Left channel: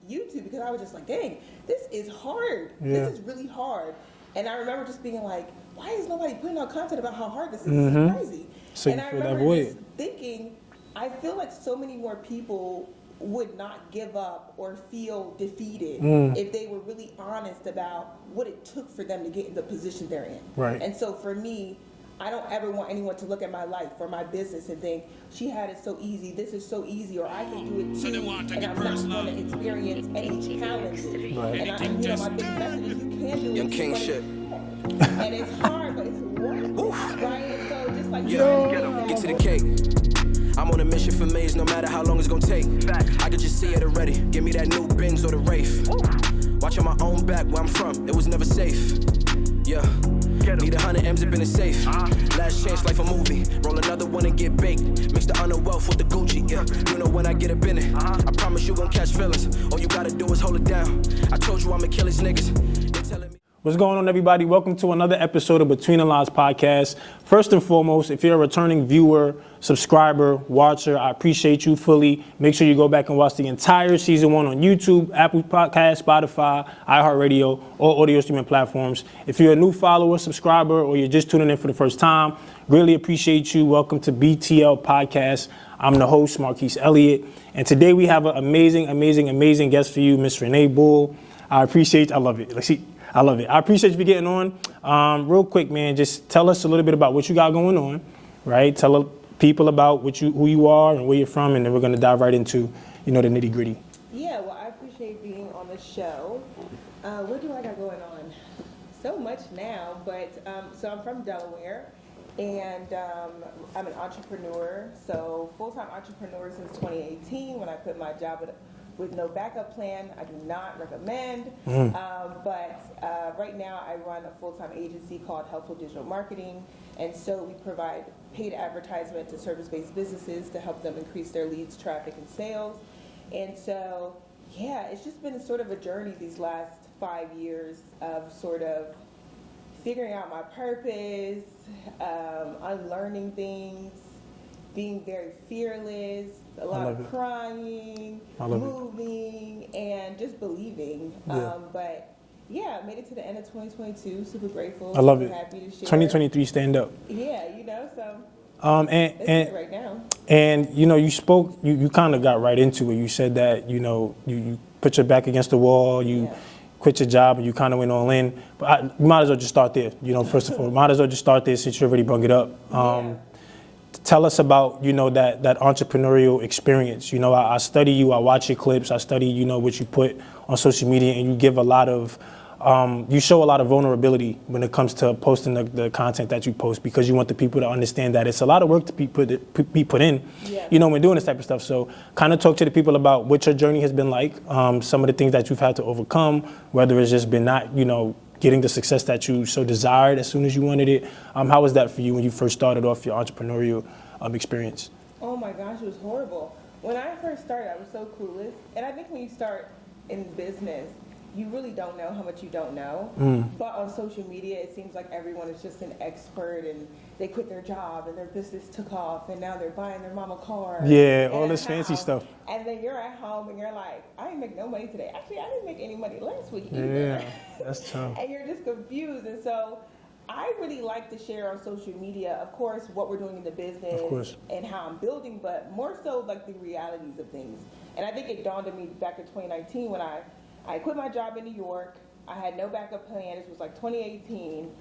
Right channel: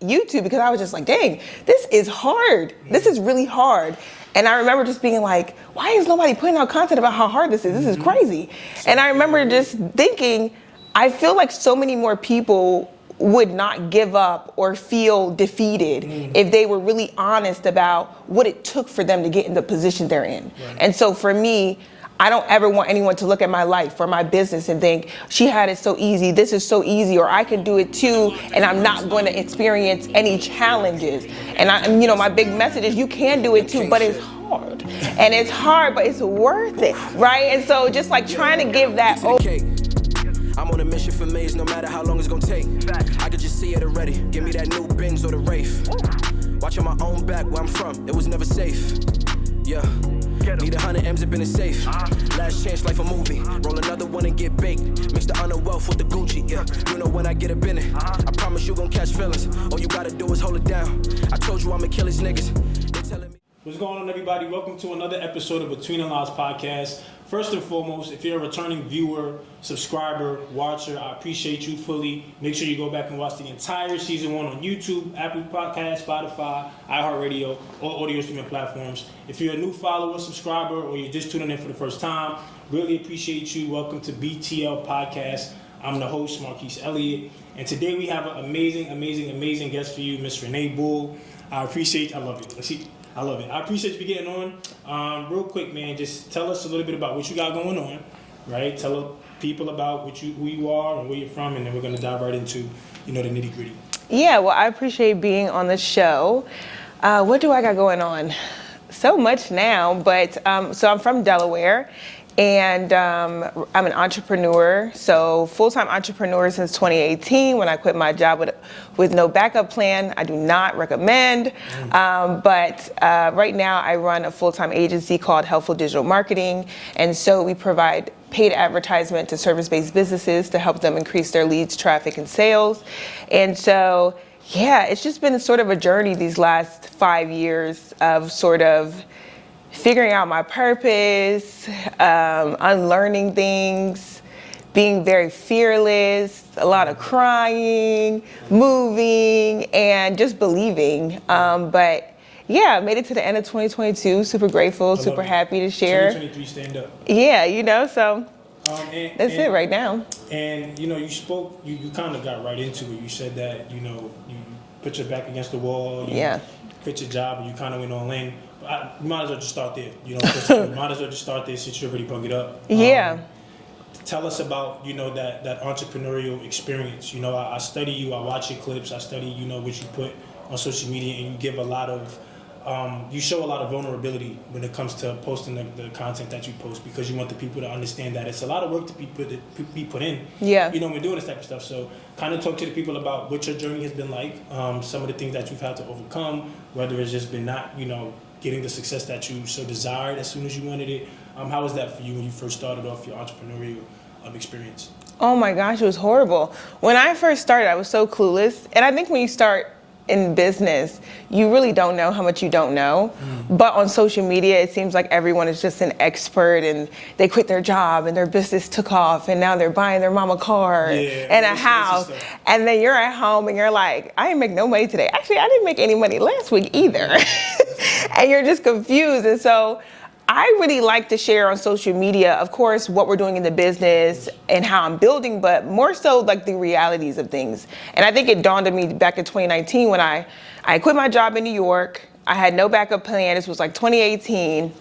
YouTube because I was just like, dang, this is hard. Yeah. This is really hard. And I remember just being like, why is nobody putting out content about how hard this is? This is crazy. So, and I remember just thinking, I feel like so many more people would not give up or feel defeated if they were really honest about what it took for them to get in the position they're in. Right. And so for me, I don't ever want anyone to look at my life or my business and think, she had it so easy, this is so easy, or I can do it too, and I'm not going to experience any challenges. And my big message is you can do it too, but it's hard. And it's hard, but it's worth it, right? And so just like trying to give that I'm on a mission for maze, no matter how long it's gonna take. I could just see it already. Give me that new Benz or the Wraith. Watching my own back where I'm from, it was never safe. Yeah, need 100 M's up in the safe. Last chance, life a movie. Roll another one and get baked. Mix the honor wealth with the Gucci. Yeah, you know when I get up in it, I promise you gon' catch feelings. All you gotta do is hold it down. I told you I'ma kill these niggas. They telling me. What's going on, everybody? Welcome to another episode of Between the Lines podcast. First and foremost, if you're a returning viewer, subscriber, watcher, I appreciate you fully. Make sure you go back and watch the entire season 1 on YouTube, Apple Podcasts, Spotify, iHeartRadio, all audio streaming platforms. If you're a new follower, subscriber, or you're just tuning in for the first time, really appreciate you. Welcome to BTL Podcast. I'm the host, Marquise Elliott, and today we have an amazing guest for you, Miss Renee Bull. I love it. I love it. I appreciate you for getting on. Real quick, man, just tell us a little bit about what you got going on, right? Tell people about who you are and where you're from, and then we're going to dive right into, the nitty gritty. Yeah, well, I appreciate being on the show. What do I got going on? So much now, but so I'm from Delaware, and I'm an entrepreneur. So full-time entrepreneur since 2018 when I quit my job with no backup plan. I do not recommend. But right now I run a full-time agency called Helpful Digital Marketing. And so we provide paid advertisement to service-based businesses to help them increase their leads, traffic, and sales. And so, yeah, it's just been sort of a journey these last 5 years of sort of figuring out my purpose, unlearning things, being very fearless, a lot of crying, moving, and just believing. But yeah, I made it to the end of 2022. Super grateful, super happy to share. 2023 stand up. Yeah, so that's it right now. And you spoke, you kind of got right into it. You said that you put your back against the wall. You quit your job and you kind of went all in. But you might as well just start there. First of all, might as well just start there since you already brought it up. Tell us about that entrepreneurial experience. I study you. I watch your clips. I study what you put on social media, and you give a lot of you show a lot of vulnerability when it comes to posting the content that you post, because you want the people to understand that it's a lot of work to be put in. When doing this type of stuff. So kind of talk to the people about what your journey has been like, some of the things that you've had to overcome, whether it's just been not getting the success that you so desired as soon as you wanted it. How was that for you when you first started off your entrepreneurial experience? Oh my gosh, it was horrible. When I first started, I was so clueless. And I think when you start in business, you really don't know how much you don't know. But on social media, it seems like everyone is just an expert, and they quit their job and their business took off, and now they're buying their mama car and a house. And then you're at home and you're like, I didn't make no money today. Actually, I didn't make any money last week either. And you're just confused. And so I really like to share on social media, of course, what we're doing in the business and how I'm building, but more so like the realities of things. And I think it dawned on me back in 2019 when I quit my job in New York. I had no backup plan. This was like 2018.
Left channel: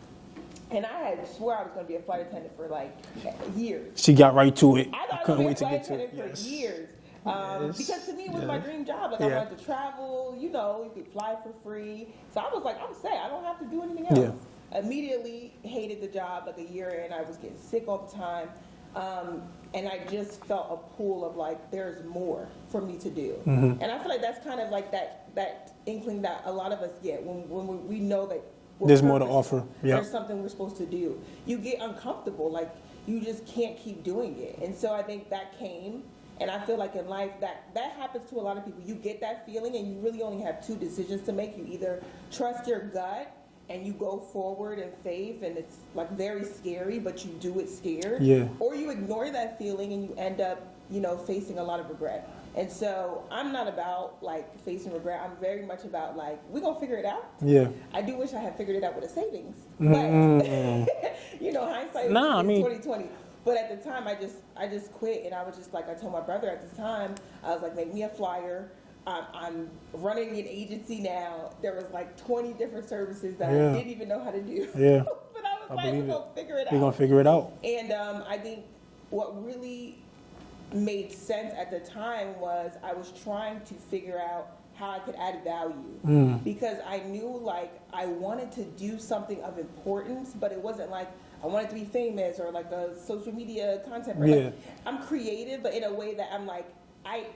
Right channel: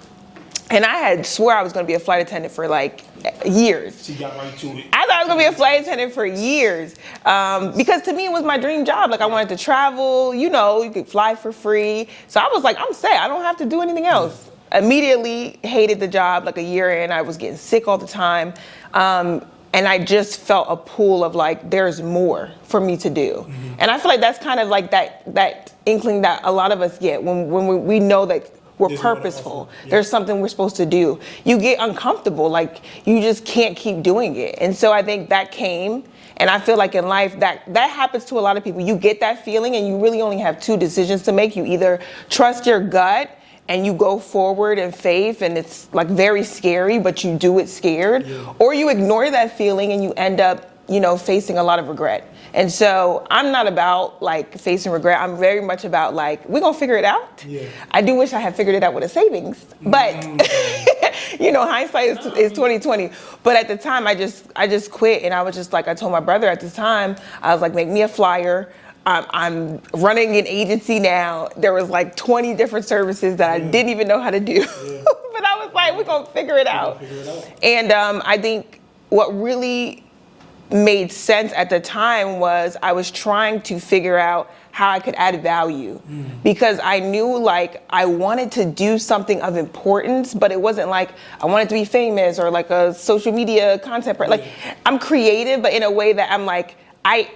And I had swore I was going to be a flight attendant for like years. She got right to it. I thought I was going to be a flight attendant for years. Because to me, it was my dream job. Like I wanted to travel, you could fly for free. So I was like, I'm set. I don't have to do anything else. Immediately hated the job. Like a year in, I was getting sick all the time. And I just felt a pull of like, there's more for me to do. And I feel like that's kind of like that inkling that a lot of us get when we know that we're purposeful. There's something we're supposed to do. You get uncomfortable, like you just can't keep doing it. And so I think that came, and I feel like in life that happens to a lot of people. You get that feeling and you really only have two decisions to make. You either trust your gut and you go forward in faith, and it's like very scary, but you do it scared, or you ignore that feeling and you end up, facing a lot of regret. And so I'm not about like facing regret. I'm very much about like, we're gonna figure it out. Yeah. I do wish I had figured it out with a savings, but you know, hindsight is 2020. But at the time, I just quit, and I was just like, I told my brother at the time, I was like, make me a flyer. I'm running an agency now. There was like 20 different services that I didn't even know how to do. Yeah. But I was like, we're gonna figure it out. Figure it out. And I think what really made sense at the time was I was trying to figure out how I could add value, because I knew like I wanted to do something of importance, but it wasn't like I wanted to be famous or like a social media content person. Like, I'm creative, but in a way that I'm like,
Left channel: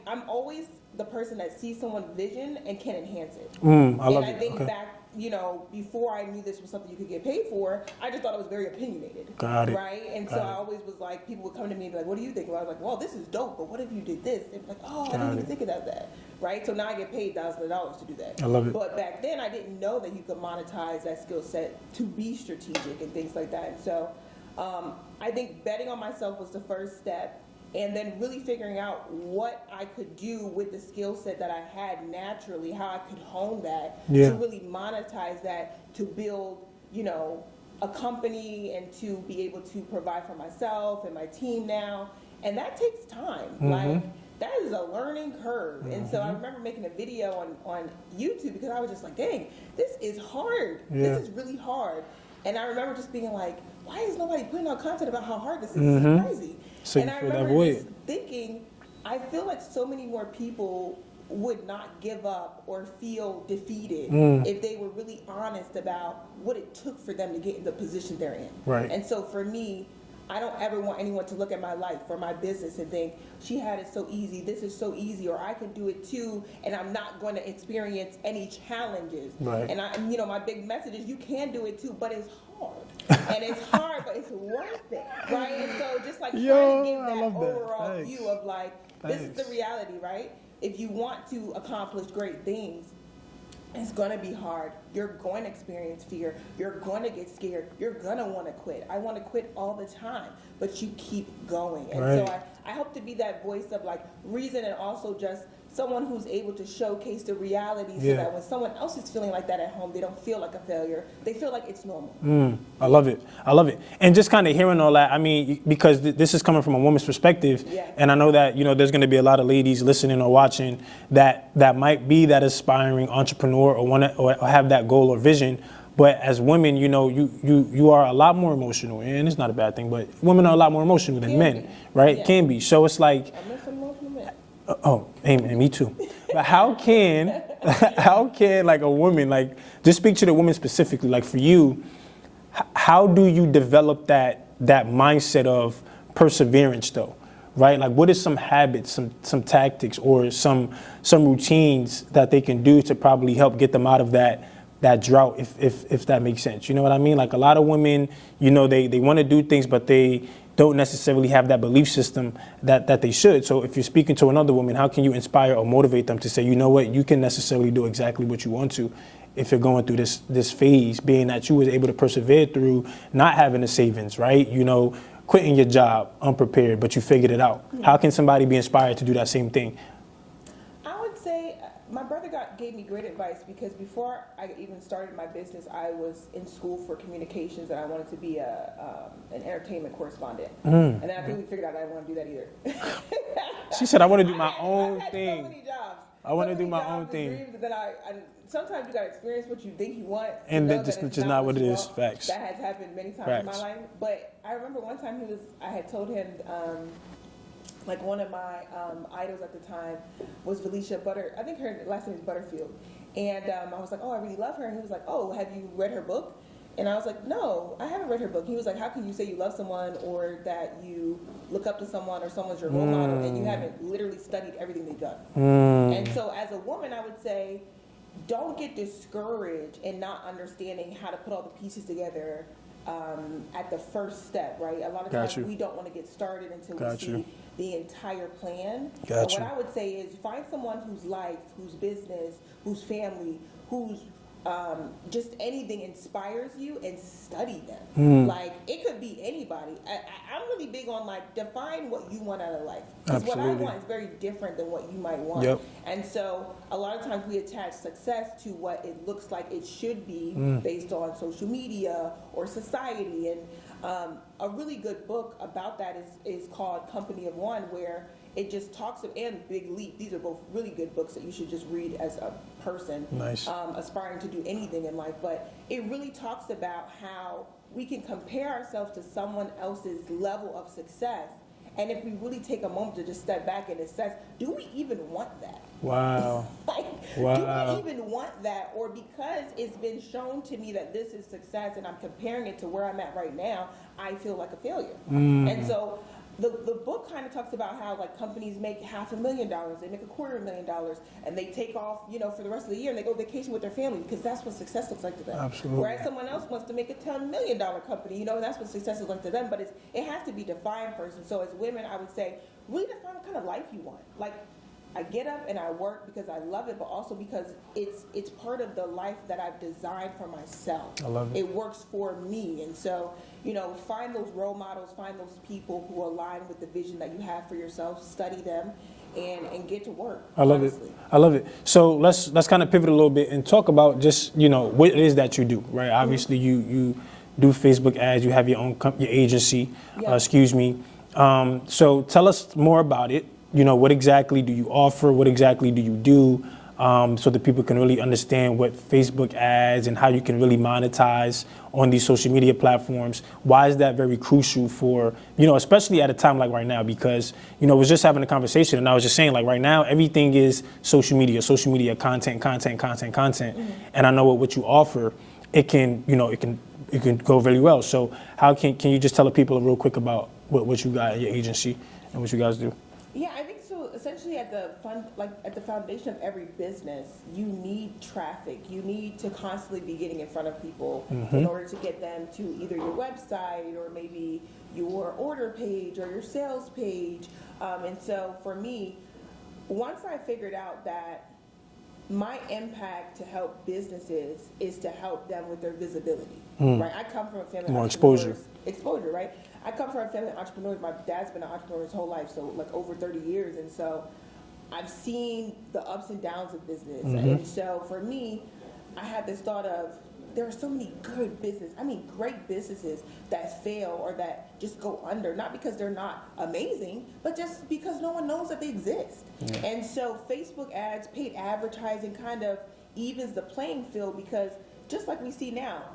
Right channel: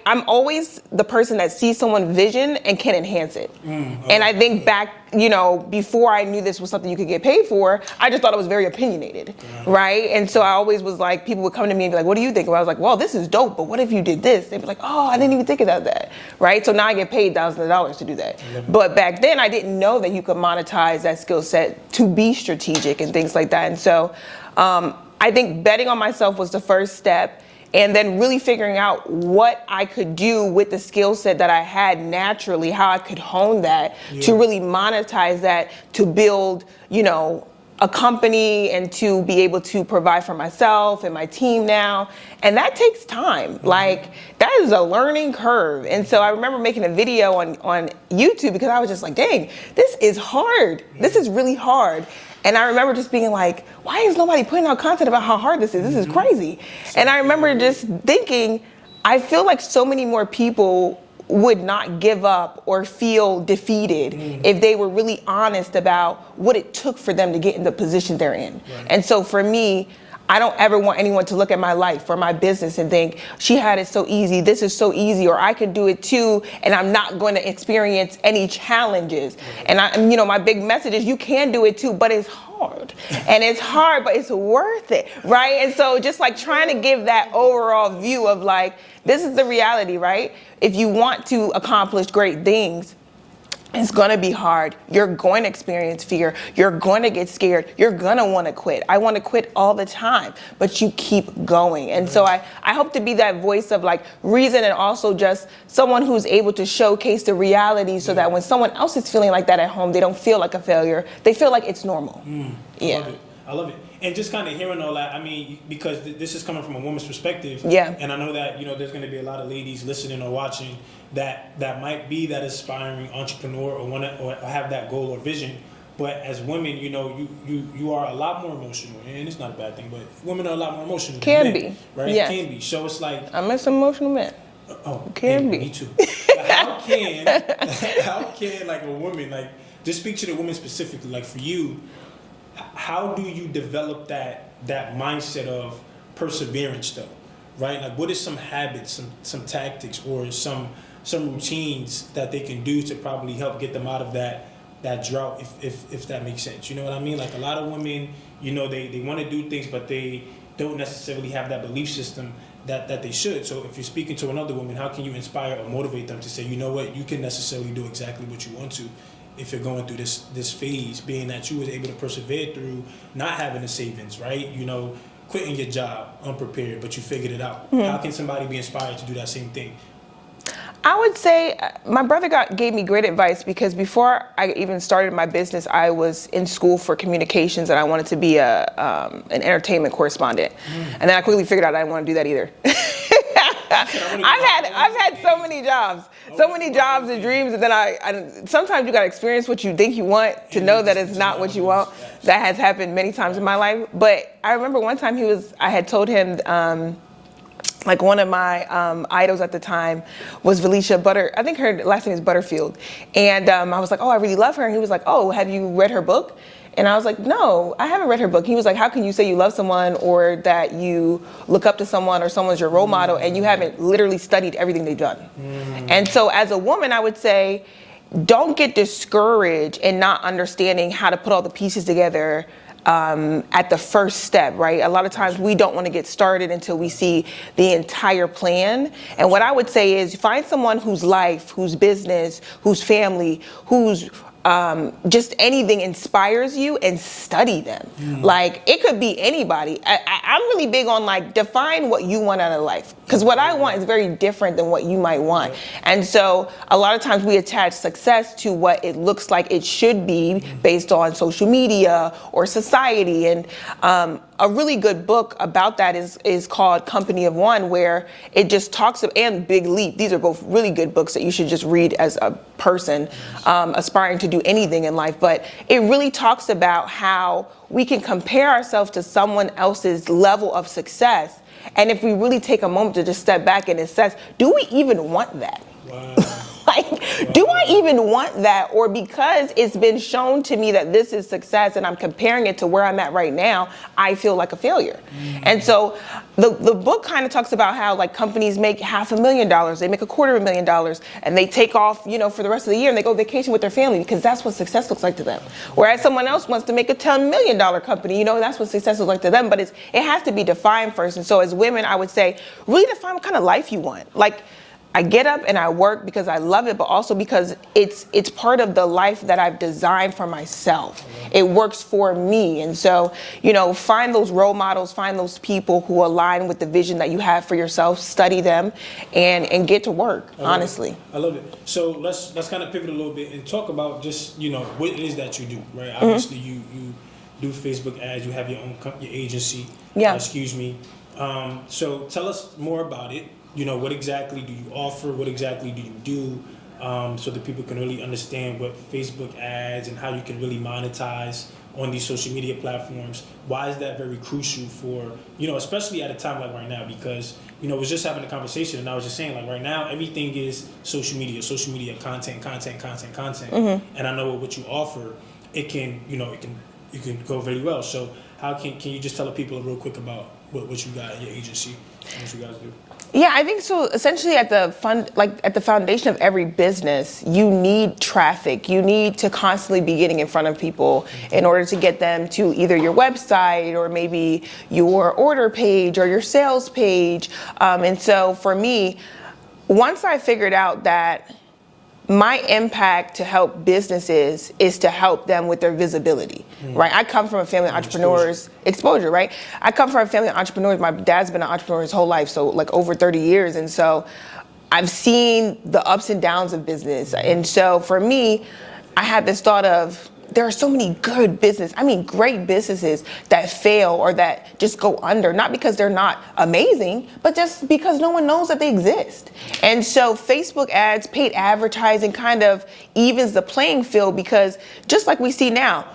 I'm always the person that sees someone's vision and can enhance it. And I think back, you know, before I knew this was something you could get paid for, I just thought it was very opinionated, right? And so I always was like, people would come to me and be like, what do you think? And I was like, well, this is dope, but what if you did this? They'd be like, oh, I didn't even think about that, right? So now I get paid thousands of dollars to do that. I love it. But back then I didn't know that you could monetize that skill set to be strategic and things like that. And so I think betting on myself was the first step. And then really figuring out what I could do with the skill set that I had naturally, how I could hone that to really monetize that, to build, you know, a company and to be able to provide for myself and my team now. And that takes time. Like, that is a learning curve. And so I remember making a video on YouTube because I was just like, dang, this is hard. This is really hard. And I remember just being like, why is nobody putting out content about how hard this is? This is crazy. And I remember just thinking, I feel like so many more people would not give up or feel defeated if they were really honest about what it took for them to get in the position they're in. And so for me, I don't ever want anyone to look at my life or my business and think, she had it so easy, this is so easy, or I can do it too, and I'm not going to experience any challenges. And you know, my big message is you can do it too, but it's hard. And it's hard, but it's worth it, right? And so just like trying to give that overall view of like, this is the reality, right? If you want to accomplish great things, it's gonna be hard. You're going to experience fear. You're going to get scared. You're gonna want to quit. I want to quit all the time, but you keep going. And so I hope to be that voice of like reason, and also just someone who's able to showcase the reality so that when someone else is feeling like that at home, they don't feel like a failure. They feel like it's normal. I love it. I love it. And just kind of hearing all that, I mean, because this is coming from a woman's perspective. And I know that, you know, there's going to be a lot of ladies listening or watching that might be that aspiring entrepreneur or want to or have that goal or vision. But as women, you know, you are a lot more emotional, and it's not a bad thing, but women are a lot more emotional than men, right? Yes. Can be. So it's like, I'm an emotional man. Can be. Me too. But how can like a woman, like, just speak to the woman specifically, like for you, how do you develop that mindset of perseverance though, right? Like, what is some habits, some tactics, or some routines that they can do to probably help get them out of that drought, if that makes sense? You know what I mean? Like, a lot of women, you know, they want to do things, but they don't necessarily have that belief system that they should. So if you're speaking to another woman, how can you inspire or motivate them to say, you know what, you can necessarily do exactly what you want to if you're going through this phase, being that you was able to persevere through not having a savings, right? You know, quitting your job unprepared, but you figured it out. How can somebody be inspired to do that same thing? I would say my brother gave me great advice, because before I even started my business, I was in school for communications, and I wanted to be an entertainment correspondent. And then I quickly figured out I didn't want to do that either. She said, I've had so many jobs, and dreams, and then I sometimes you got to experience what you think you want to know that it's not what you want. That has happened many times in my life. But I remember one time I had told him, like, one of my idols at the time was Felicia I think her last name is Butterfield. And I was like, oh, I really love her. And he was like, oh, have you read her book? And I was like, no, I haven't read her book. He was like, how can you say you love someone or that you look up to someone or someone's your role model and you haven't literally studied everything they've done? And so as a woman, I would say, don't get discouraged in not understanding how to put all the pieces together at the first step, right? A lot of times we don't want to get started until we see the entire plan. And what I would say is find someone whose life, whose business, whose family, whose just anything inspires you, and study them. Like, it could be anybody. I'm really big on, like, define what you want out of life. Because what I want is very different than what you might want. Yep. And so a lot of times we attach success to what it looks like it should be based on social media or society. And a really good book about that is called Company of One, where it just talks and Big Leap. These are both really good books that you should just read as a person aspiring to do anything in life. But it really talks about how we can compare ourselves to someone else's level of success. And if we really take a moment to just step back and assess, do we even want that? Wow. Do I even want that? Or because it's been shown to me that this is success and I'm comparing it to where I'm at right now, I feel like a failure. And so the book kind of talks about how, like, companies make $500,000, they make $250,000, and they take off, for the rest of the year, and they go vacation with their family because that's what success looks like to them. Absolutely. Whereas someone else wants to make a $10 million company, that's what success looks like to them. But it has to be defined first. And so as women, I would say, really define what kind of life you want. Like, I get up and I work because I love it, but also because it's part of the life that I've designed for myself. It works for me. And so, find those role models, find those people who align with the vision that you have for yourself, study them, and get to work, honestly. I love it. So let's kind of pivot a little bit and talk about just, what it is that you do, right? Obviously, you do Facebook ads, you have your own your agency, so tell us more about it. What exactly do you offer? What exactly do you do? So that people can really understand what Facebook ads and how you can really monetize on these social media platforms. Why is that very crucial for, especially at a time like right now? Because, I was just having a conversation and I was just saying, like, right now, everything is social media, content. And I know what you offer, it can go really well. So how can you just tell the people real quick about what you got in your agency and what you guys do? Yeah, I think so. Essentially, at the foundation of every business, you need traffic. You need to constantly be getting in front of people in order to get them to either your website or maybe your order page or your sales page. And so for me, once I figured out that my impact to help businesses is to help them with their visibility, right? I come from a family of entrepreneurs. Exposure, right? I come from a family of entrepreneurs. My dad's been an entrepreneur his whole life, so like over 30 years. And so I've seen the ups and downs of business. And so for me, I had this thought of, there are so many great businesses that fail or that just go under, not because they're not amazing, but just because no one knows that they exist. And so Facebook ads, paid advertising kind of evens the playing field, because just like we see now,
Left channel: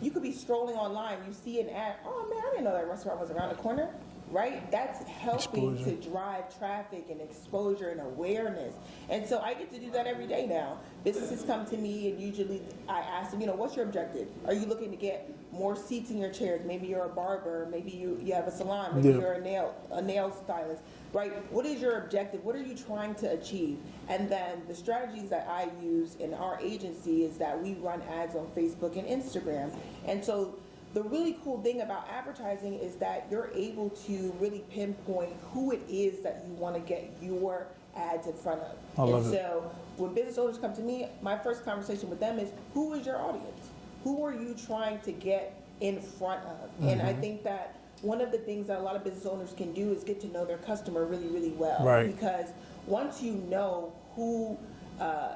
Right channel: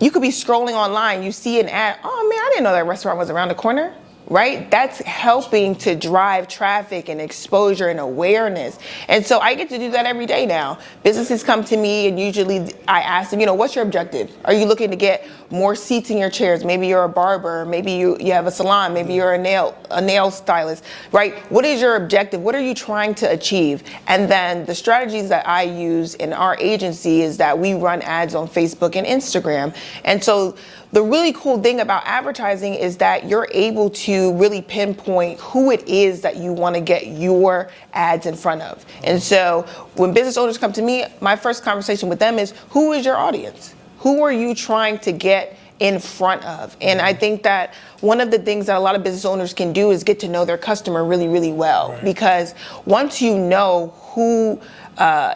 you could be scrolling online, you see an ad, oh man, I didn't know that restaurant was around the corner. Right? That's helping to drive traffic and exposure and awareness. And so I get to do that every day now. Businesses come to me and usually I ask them, what's your objective? Are you looking to get more seats in your chairs? Maybe you're a barber, maybe you have a salon, maybe you're a nail stylist, right? What is your objective? What are you trying to achieve? And then the strategies that I use in our agency is that we run ads on Facebook and Instagram. And so the really cool thing about advertising is that you're able to really pinpoint who it is that you want to get your ads in front of. And so when business owners come to me, my first conversation with them is, who is your audience? Who are you trying to get in front of? And I think that one of the things that a lot of business owners can do is get to know their customer really, really well. Right. Because once you know who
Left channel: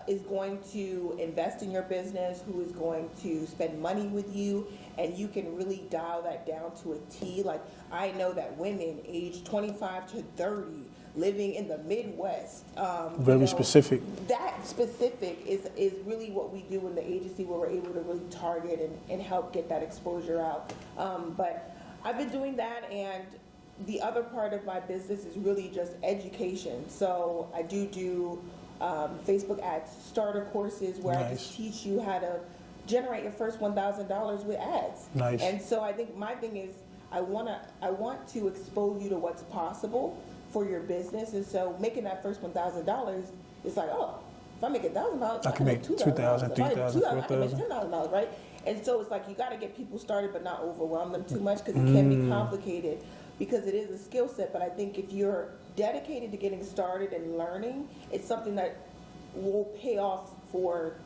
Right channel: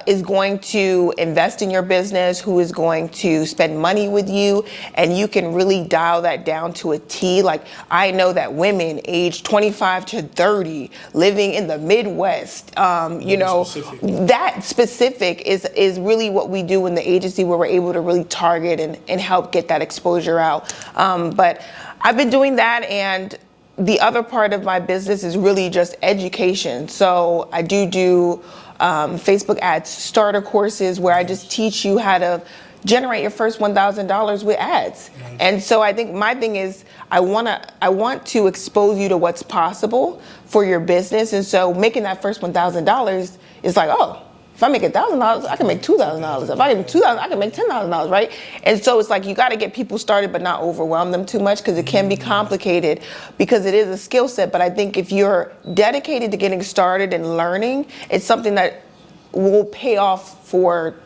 is going to invest in your business, who is going to spend money with you, and you can really dial that down to a T. Like, I know that women aged 25 to 30 living in the Midwest, specific. That specific is really what we do in the agency, where we're able to really target and help get that exposure out. But I've been doing that, and the other part of my business is really just education. So I do Facebook ads starter courses where I just teach you how to generate your first $1,000 with ads. Nice. And so I think my thing is I want to expose you to what's possible for your business. And so making that first $1,000 is like, oh, if I make $1,000, I can make $2,000. If I make $2,000, I can make $10,000, right? And so it's like you got to get people started, but not overwhelm them too much, because it can be complicated, because it is a skill set. But I think if you're dedicated to getting started and learning, it's something that will pay off for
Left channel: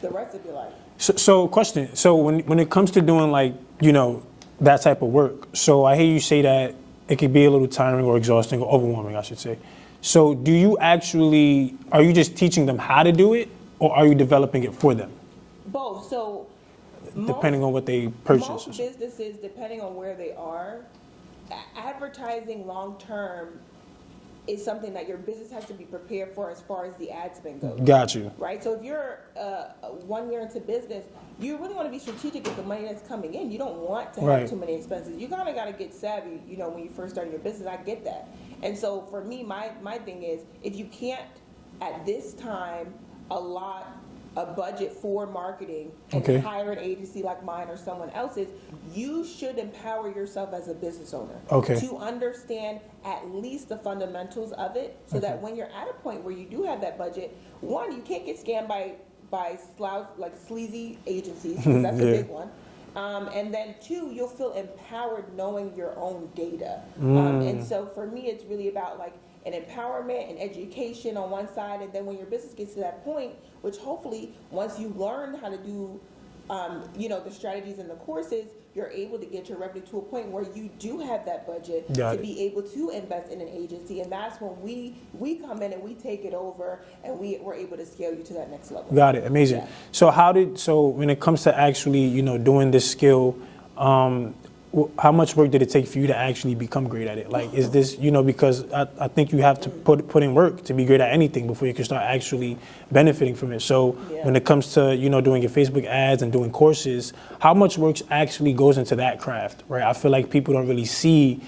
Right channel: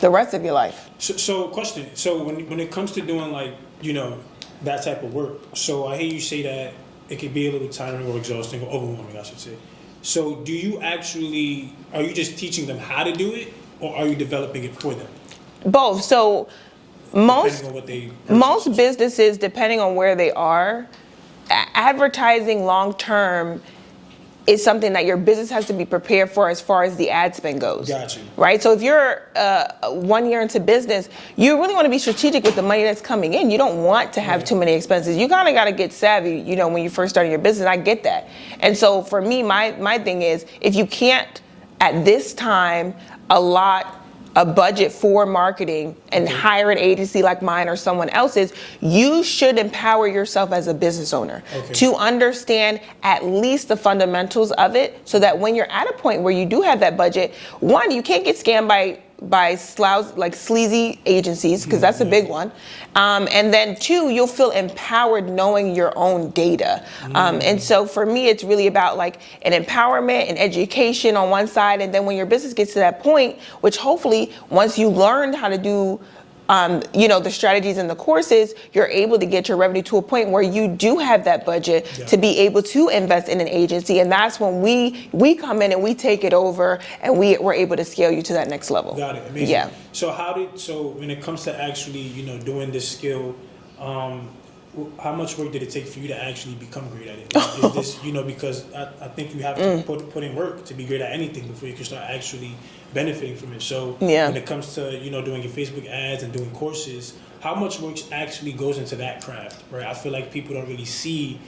the rest of your life. So question. So when it comes to doing like, you know, that type of work, so I hear you say that it could be a little tiring or exhausting or overwhelming, I should say. So are you just teaching them how to do it, or are you developing it for them? Both. So Depending on what they purchase. most businesses, depending on where they are, advertising long term is something that your business has to be prepared for as far as the ad spend goes. Got you. Right? So if you're 1 year into business, you really want to be strategic with the money that's coming in. You don't want to have too many expenses. You kind of got to get savvy, you know, when you first start your business. I get that. And so for me, my thing is, if you can't at this time allot a budget for marketing and hire an agency like mine or someone else's, you should empower yourself as a business owner to understand at least the fundamentals of it, so that when you're at a point where you do have that budget, one, you can't get scammed by sleazy agencies, because that's a big one. And then two, you'll feel empowered knowing your own data. And so for me, it's really about like an empowerment and education on one side. And then when your business gets to that point, which hopefully once you learn how to do you know, the strategies and the courses, you're able to get your revenue to a point where you do have that budget to be able to invest in an agency. And that's when we come in and we take it over, and we're able to scale you to that next level. Got it. Amazing. Yeah. So when it comes to actually, you know, doing this skill, how much work did it take for you to actually become great at it? Like, is this, you know, because I think you have to put in work to be great at anything before you can start actually benefiting from it. So when it comes to, you know, doing your Facebook ads and doing courses, how much work actually goes into that craft, right? I feel like people don't really see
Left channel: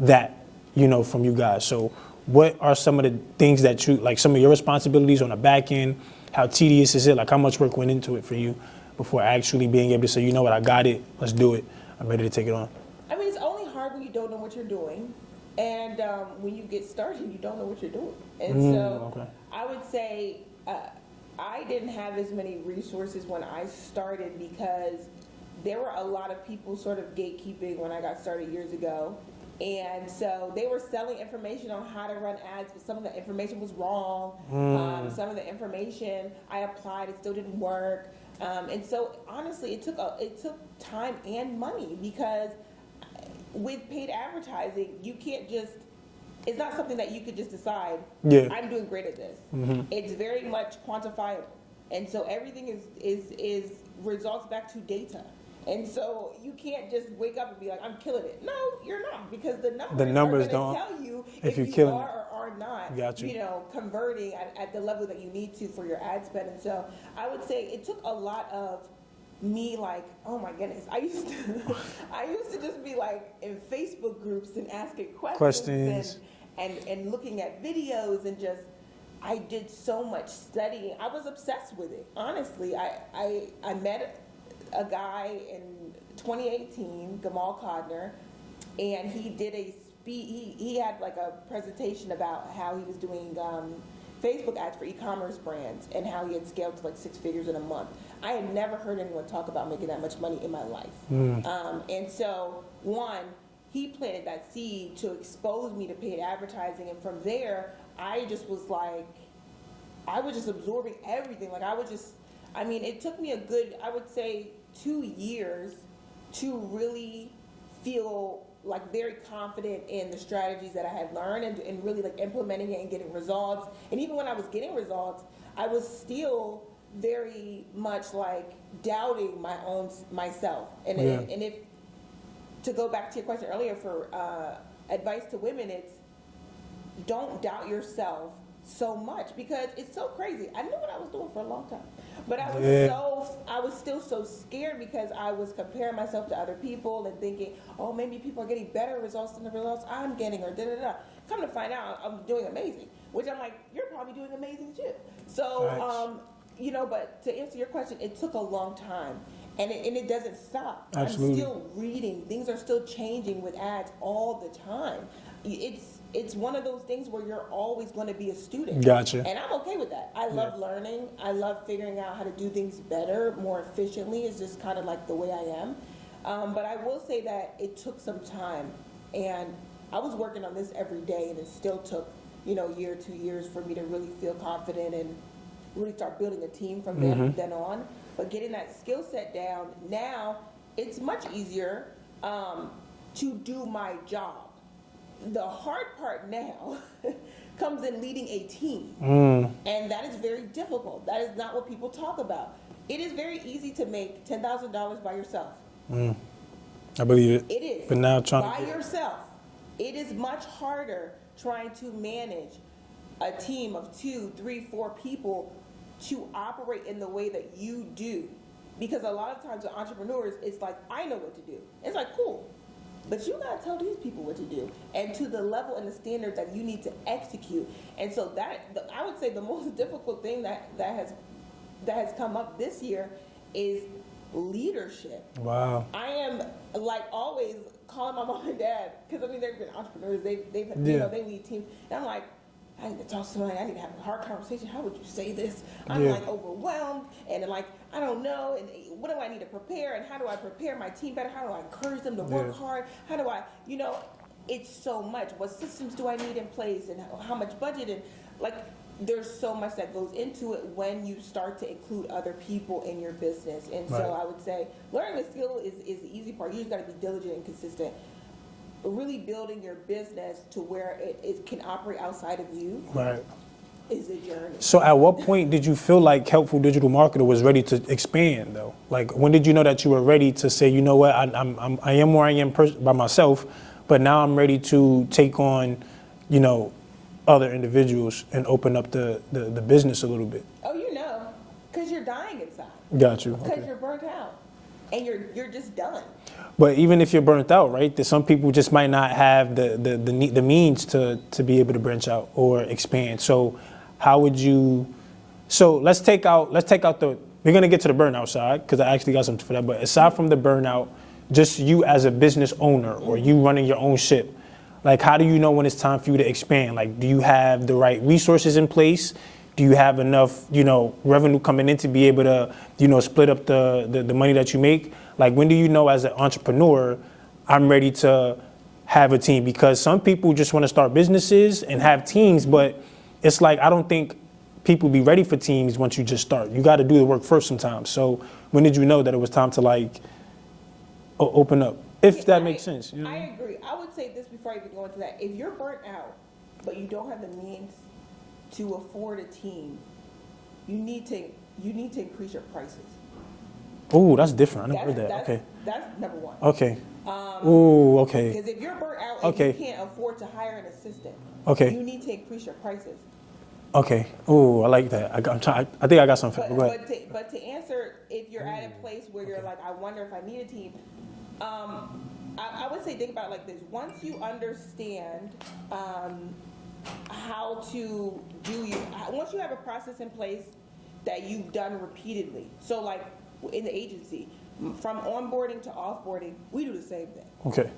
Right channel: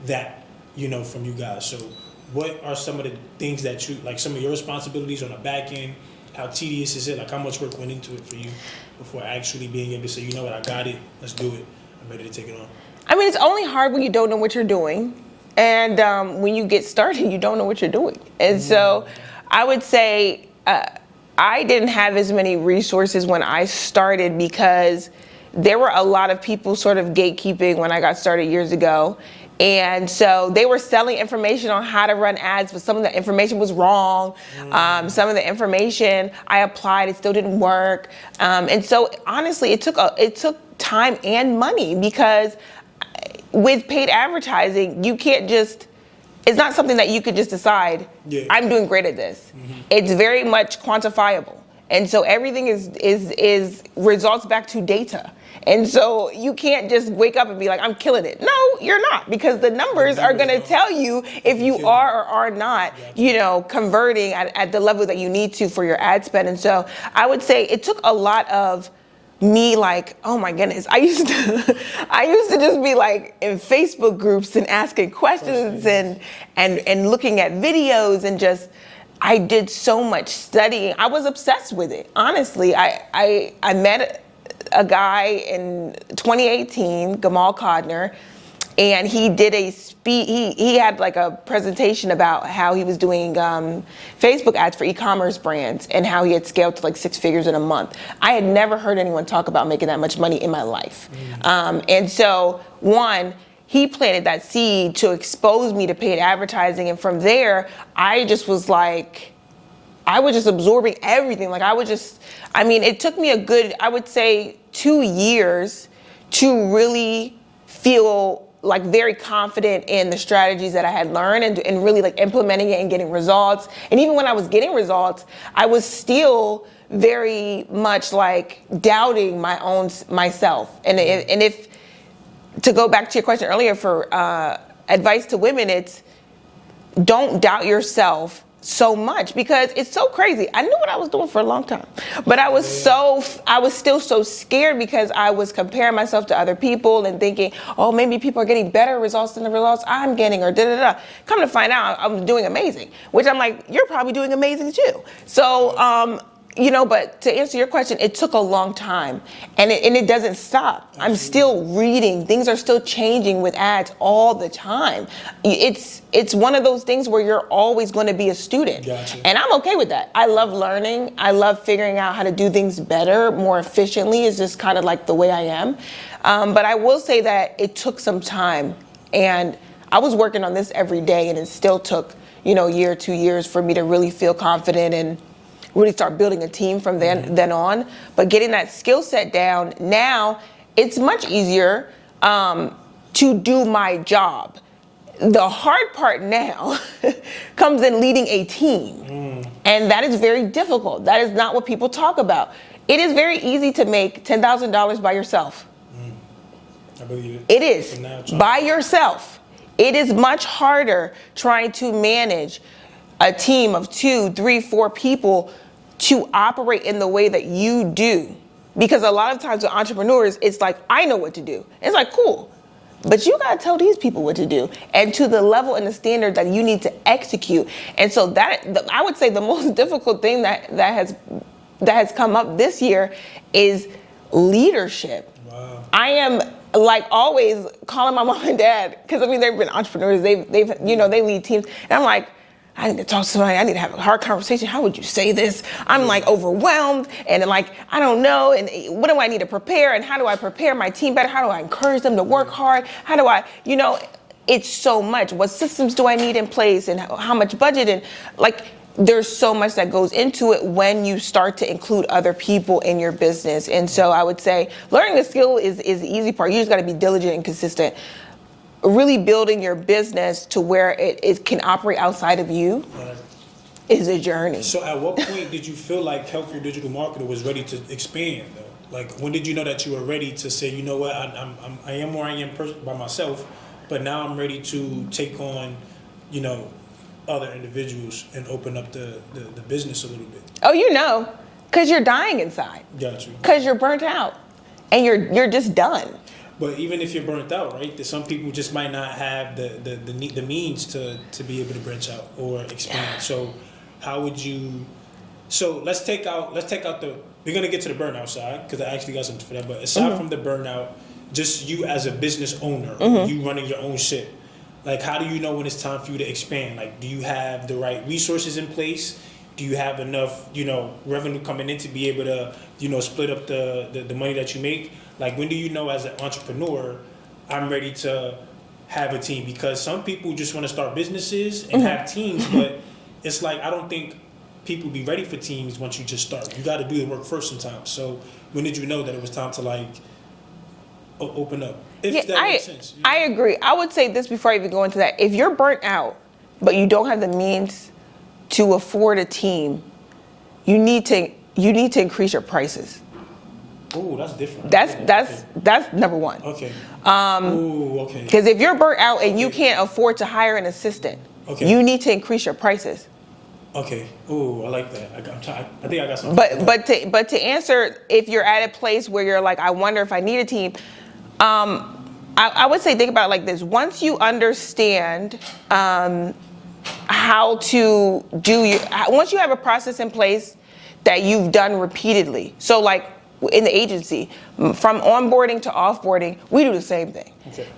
that, you know, from you guys. So what are some of the things that you, like some of your responsibilities on the back end? How tedious is it? Like how much work went into it for you before actually being able to say, you know what, I got it, let's do it. I'm ready to take it on. I mean, it's only hard when you don't know what you're doing. And when you get started, you don't know what you're doing. And so I would say I didn't have as many resources when I started, because there were a lot of people sort of gatekeeping when I got started years ago. And so they were selling information on how to run ads, but some of the information was wrong. Some of the information I applied, it still didn't work. And so honestly, it took time and money, because with paid advertising, you can't just, it's not something that you could just decide, I'm doing great at this. It's very much quantifiable. And so everything is results back to data. And so you can't just wake up and be like, I'm killing it. No, you're not, because the numbers are going to tell you if you are or are not, you know, converting at the level that you need to for your ad spend. And so I would say it took a lot of me, like, oh my goodness, I used to just be like in Facebook groups and asking questions and looking at videos, and just, I did so much studying. I was obsessed with it. Honestly, I met a guy in 2018, Gamal Codner, and he did a he had like a presentation about how he was doing Facebook ads for e-commerce brands and how he had scaled to like 6 figures in a month. I had never heard anyone talk about making that much money in my life. And so one, he planted that seed to expose me to paid advertising. And from there, I just was like, I was just absorbing everything. Like it took me a good, I would say 2 years to really feel like very confident in the strategies that I had learned and really like implementing it and getting results. And even when I was getting results, I was still very much like doubting myself. And if to go back to your question earlier for advice to women, it's don't doubt yourself so much, because it's so crazy. I knew what I was doing for a long time, but I was still so scared, because I was comparing myself to other people and thinking, oh, maybe people are getting better results than the results I'm getting, or da-da-da. Come to find out, I'm doing amazing, which I'm like, you're probably doing amazing too. So, you know, but to answer your question, it took a long time, and it doesn't stop. Absolutely. I'm still reading. Things are still changing with ads all the time. It's one of those things where you're always going to be a student. Gotcha. And I'm okay with that. I love learning. I love figuring out how to do things better, more efficiently. It's just kind of like the way I am. But I will say that it took some time, and I was working on this every day, and it still took, you know, a year, 2 years for me to really feel confident and really start building a team from then on. But getting that skill set down, now it's much easier to do my job. The hard part now comes in leading a team. And that is very difficult. That is not what people talk about. It is very easy to make $10,000 by yourself. I believe it. It is, now by yourself. It is much harder trying to manage a team of 2, 3, 4 people to operate in the way that you do. Because a lot of times with entrepreneurs, it's like, I know what to do. It's like, cool. But you gotta tell these people what to do, and to the level and the standard that you need to execute. And so I would say the most difficult thing that has come up this year is leadership. Wow. I am like always calling my mom and dad, because I mean they've been entrepreneurs, they've you know, they lead teams, and I'm like, I need to talk to somebody, I need to have a hard conversation. How would you say this? I'm like overwhelmed, and like, I don't know, and what do I need to prepare, and how do I prepare my team better? How do I encourage them to work hard? How do I, you know, it's so much. What systems do I need in place, and how much budget, and like, there's so much that goes into it when you start to include other people in your business. And so I would say learning a skill is the easy part. You just gotta be diligent and consistent. Really building your business to where it can operate outside of you is a journey. So at what point did you feel like Helpful Digital Marketer was ready to expand though? Like when did you know that you were ready to say, you know what, I am where I am by myself, but now I'm ready to take on, you know, other individuals and open up the business a little bit? Oh, you know, because you're dying inside. Got you. Because you're burnt out and you're just done. But even if you're burnt out, right? That some people just might not have the means to be able to branch out or expand. So how would you? So let's take out the. We're gonna get to the burnout side because I actually got something for that. But aside from the burnout, just you as a business owner or you running your own ship, like how do you know when it's time for you to expand? Like, do you have the right resources in place? Do you have enough, you know, revenue coming in to be able to, you know, split up the money that you make? Like, when do you know as an entrepreneur, I'm ready to have a team? Because some people just want to start businesses and have teams, but it's like, I don't think people be ready for teams once you just start. You got to do the work first sometimes. So when did you know that it was time to like open up? If that makes sense. You know? I agree. I would say this before I even go into that. If you're burnt out, but you don't have the means to afford a team, you need to increase your prices. Oh, that's different. That's number one. Okay. Okay. Because if you're burnt out and you can't afford to hire an assistant, you need to increase your prices. Okay. Oh, I like that. I think I got something. But to answer, if you're at a place where you're like, I wonder if I need a team, I would say think about it like this. Once you understand how to once you have a process in place that you've done repeatedly. So like in the agency, from onboarding to offboarding, we do the same thing. Okay.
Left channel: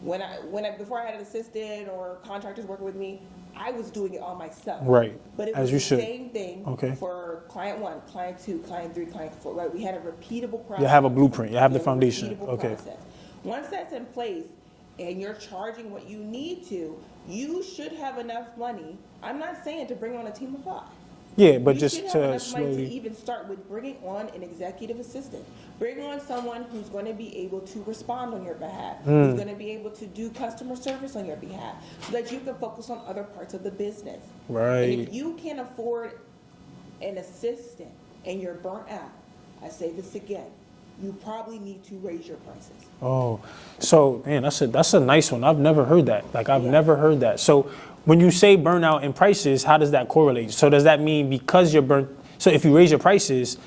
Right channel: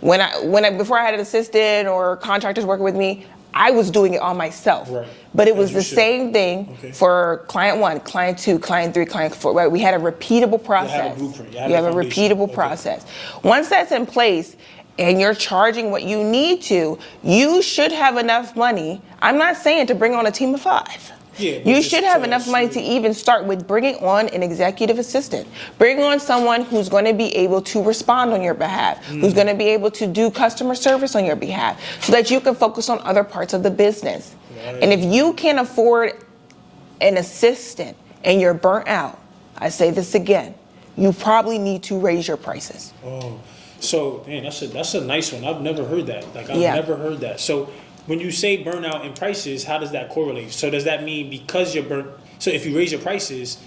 Before I had an assistant or contractors working with me, I was doing it all myself. Right. But it was the same thing for client 1, client 2, client 3, client 4. Right? We had a repeatable process. You have a blueprint. You have a repeatable process. Once that's in place and you're charging what you need to, you should have enough money. I'm not saying to bring on a team of 5. Yeah, but you should have enough money to even start with bringing on an executive assistant. Bring on someone who's going to be able to respond on your behalf, who's going to be able to do customer service on your behalf, so that you can focus on other parts of the business. Right. And if you can't afford an assistant and you're burnt out, I say this again, you probably need to raise your prices. Oh, so man, that's a nice one. I've never heard that. Like I've never heard that. So when you say burnout and prices, how does that correlate? So does that mean because you're burnt? So if you raise your prices,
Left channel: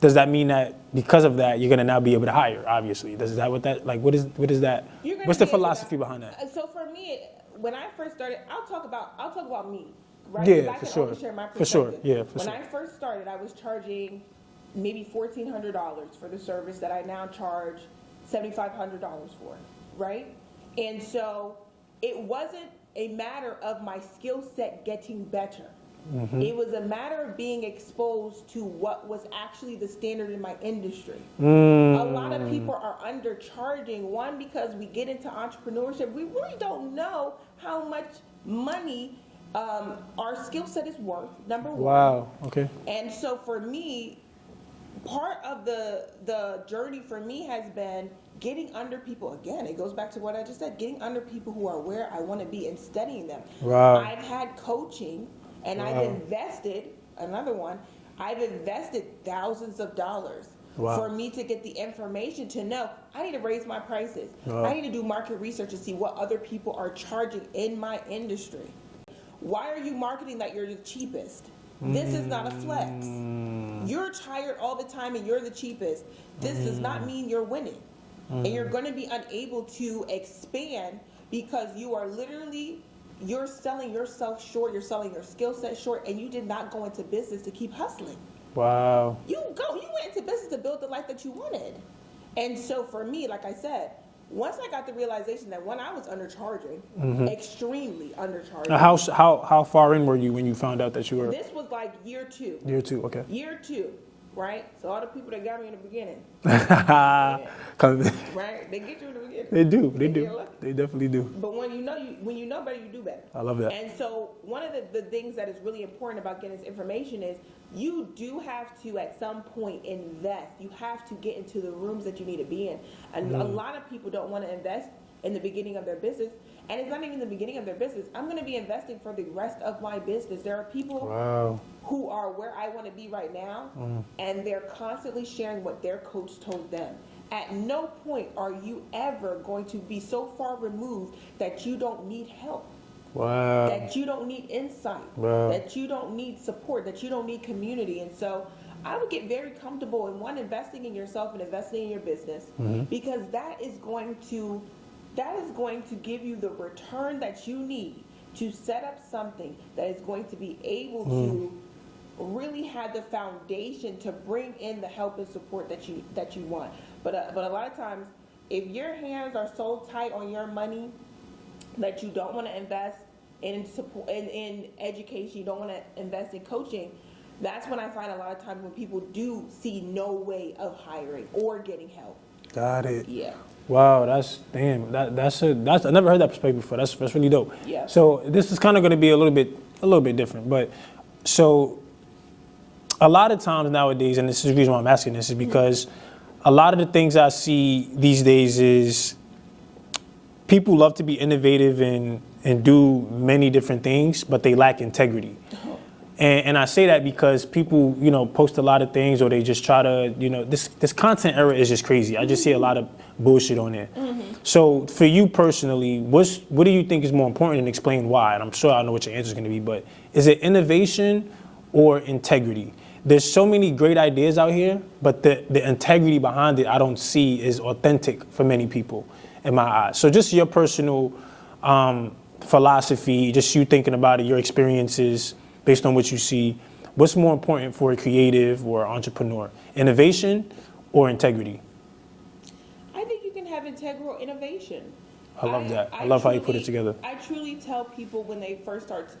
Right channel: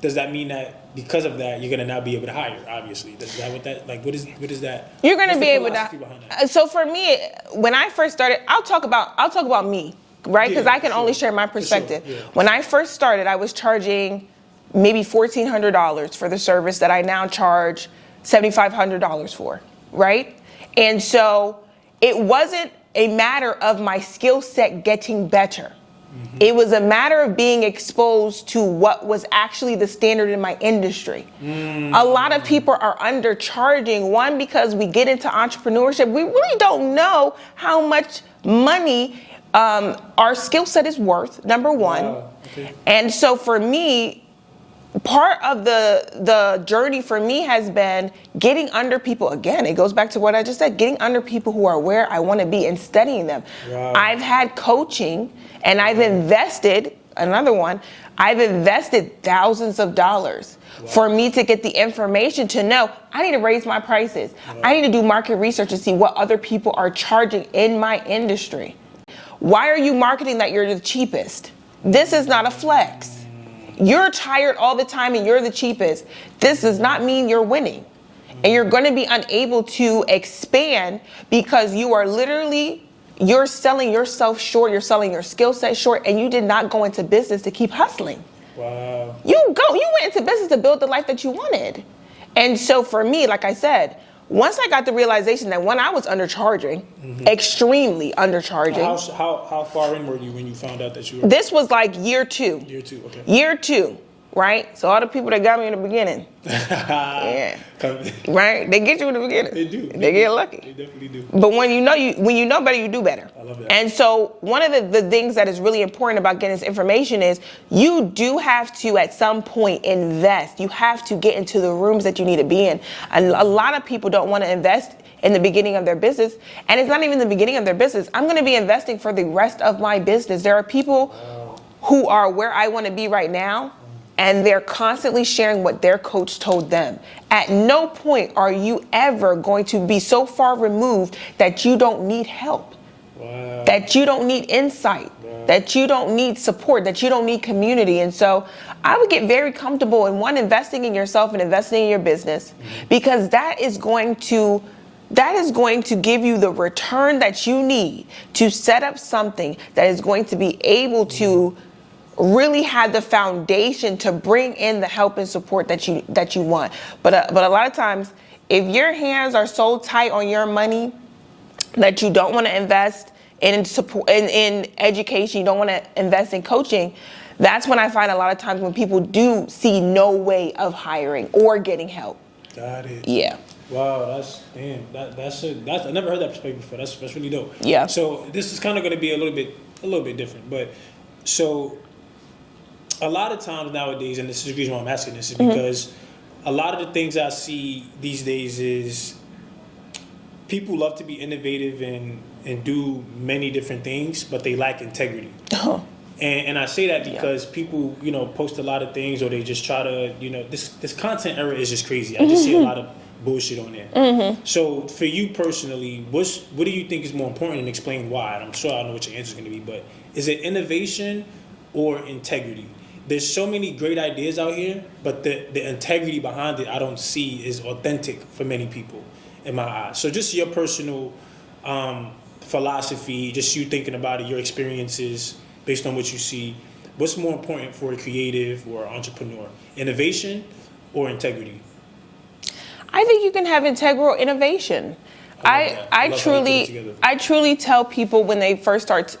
does that mean that because of that you're gonna now be able to hire? Obviously, is that what that like? What is that? You're gonna What's be the able philosophy to. Behind that? So for me, when I first started, I'll talk about me, right? Because I can only share my perspective. When I first started, I was charging maybe $1,400 for the service that I now charge $7,500 for, right? And so it wasn't a matter of my skill set getting better. It was a matter of being exposed to what was actually the standard in my industry. A lot of people are undercharging, one, because we get into entrepreneurship. We really don't know how much money our skill set is worth, number one. Wow. Okay. And so for me, part of the journey for me has been getting under people. Again, it goes back to what I just said, getting under people who are where I want to be and studying them. Wow. I've had coaching, and I've invested, I've invested thousands of dollars for me to get the information to know I need to raise my prices. I need to do market research to see what other people are charging in my industry. Why are you marketing that you're the cheapest? This is not a flex. You're tired all the time and you're the cheapest. This does not mean you're winning. And you're going to be unable to expand because you are literally, you're selling yourself short, you're selling your skill set short, and you did not go into business to keep hustling. Wow. You went into business to build the life that you wanted. And so for me, like I said, once I got the realization that when I was undercharging, extremely undercharging. How far in were you when you found out that you were? This was like year 2. Year 2, okay. Year 2, right? So all the people that got me in the beginning, yeah, right? They get you in the beginning. They do. They get lucky. They definitely do. But when you know better, you do better. I love that. And so one of the things that is really important about getting this information is you do have to, at some point, invest. You have to get into the rooms that you need to be in. And a lot of people don't want to invest in the beginning of their business. And it's not even the beginning of their business. I'm going to be investing for the rest of my business. There are people who are where I want to be right now, and they're constantly sharing what their coach told them. At no point are you ever going to be so far removed that you don't need help, that you don't need insight, that you don't need support, that you don't need community. And so I would get very comfortable in investing in yourself and investing in your business, because that is going to give you the return that you need to set up something that is going to be able to really have the foundation to bring in the help and support that you want. But a lot of times, if your hands are so tight on your money that you don't want to invest in support, in education, you don't want to invest in coaching, that's when I find a lot of times when people do see no way of hiring or getting help. Got it. Yeah. Wow, that's I never heard that perspective before. That's really dope. Yeah. So this is kind of going to be a little bit different, but so a lot of times nowadays, and this is the reason why I'm asking this, is because a lot of the things I see these days is people love to be innovative and do many different things, but they lack integrity. And I say that because people, post a lot of things, or they just try to, this content era is just crazy. I just see a lot of bullshit on there. So for you personally, what do you think is more important, and explain why? And I'm sure I know what your answer is going to be, but is it innovation or integrity? There's so many great ideas out here, but the integrity behind it I don't see is authentic for many people in my eyes. So just your personal philosophy, just you thinking about it, your experiences based on what you see, what's more important for a creative or entrepreneur, innovation or integrity? I think you can have integral innovation. I truly tell people when they first start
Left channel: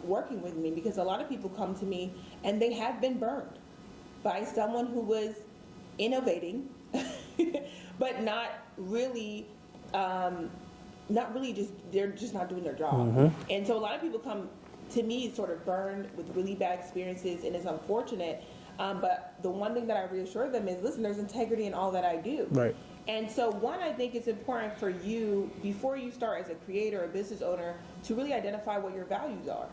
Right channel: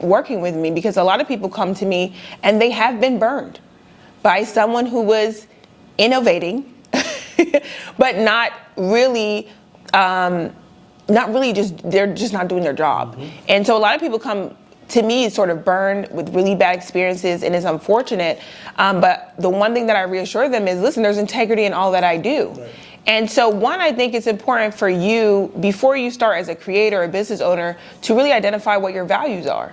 working with me, because a lot of people come to me and they have been burned by someone who was innovating, but not really they're just not doing their job. And so a lot of people come to me sort of burned with really bad experiences, and it's unfortunate. But the one thing that I reassure them is, listen, there's integrity in all that I do. Right. And so one, I think it's important for you, before you start as a creator or business owner, to really identify what your values are.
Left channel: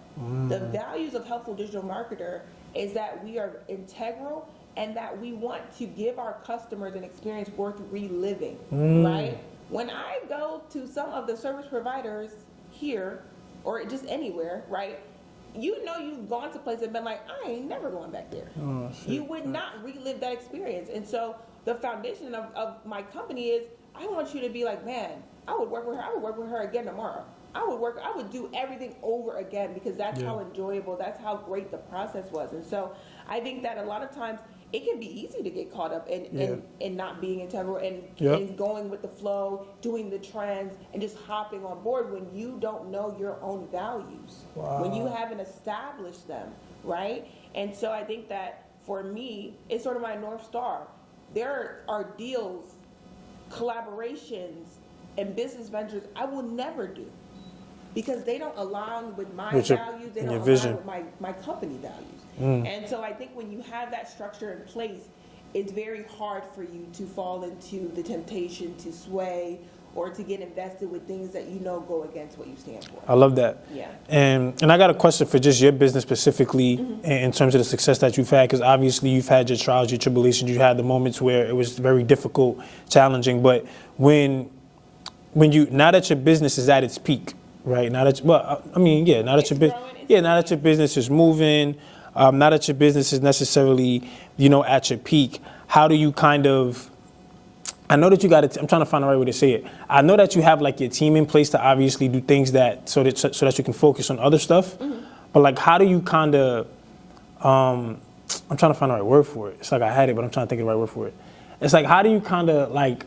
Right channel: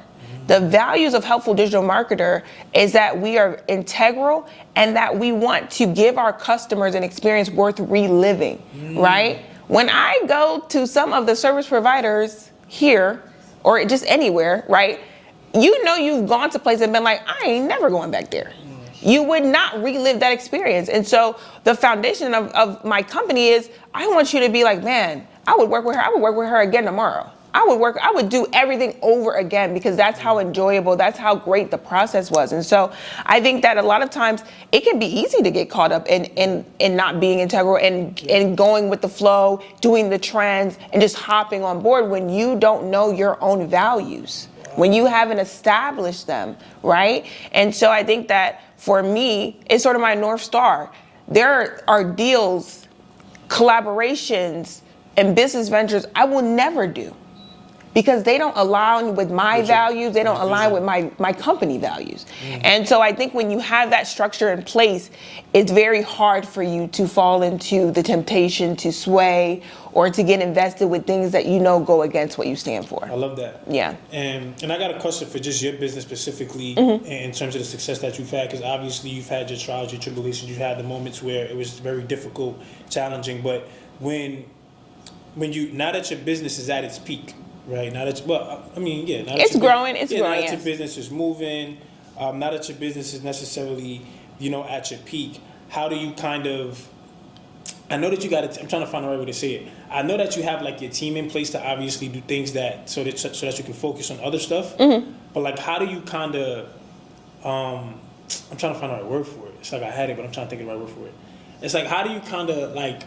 The values of Helpful Digital Marketer is that we are integral and that we want to give our customers an experience worth reliving, right? When I go to some of the service providers here, or just anywhere, right? You've gone to places and been like, I ain't never going back there. You would not relive that experience. And so the foundation of my company is, I want you to be like, man, I would work with her. I would work with her again tomorrow. I would do everything over again, because that's how enjoyable, that's how great the process was. And so I think that a lot of times it can be easy to get caught up in not being integral and going with the flow, doing the trends, and just hopping on board when you don't know your own values, when you haven't established them, right? And so I think that for me, it's sort of my North Star. There are deals, collaborations, and business ventures I will never do because they don't align with my values, they don't align vision. with my company values. And so I think when you have that structure in place, it's very hard for you to fall into the temptation to sway or to get invested with things that you know go against what you stand for. I love that. Yeah. And I got a question for just your business specifically in terms of the success that you've had, because obviously you've had your trials, your tribulations, you had the moments where it was very difficult, challenging, but when you, now that your business is at its peak, right? Now that, now that It's growing, it's growing, now that your business is moving, now that your business is necessarily, at your peak, how do you kind of, I know that you got I'm trying to find the right way to say it. I know that you have like your team in place to obviously do things so that you can focus on other stuff. But like, how do you kind of, I'm trying to find the right word for it. It's like I had it, but I'm trying to think of the right word for it. It's like, how do you kind of like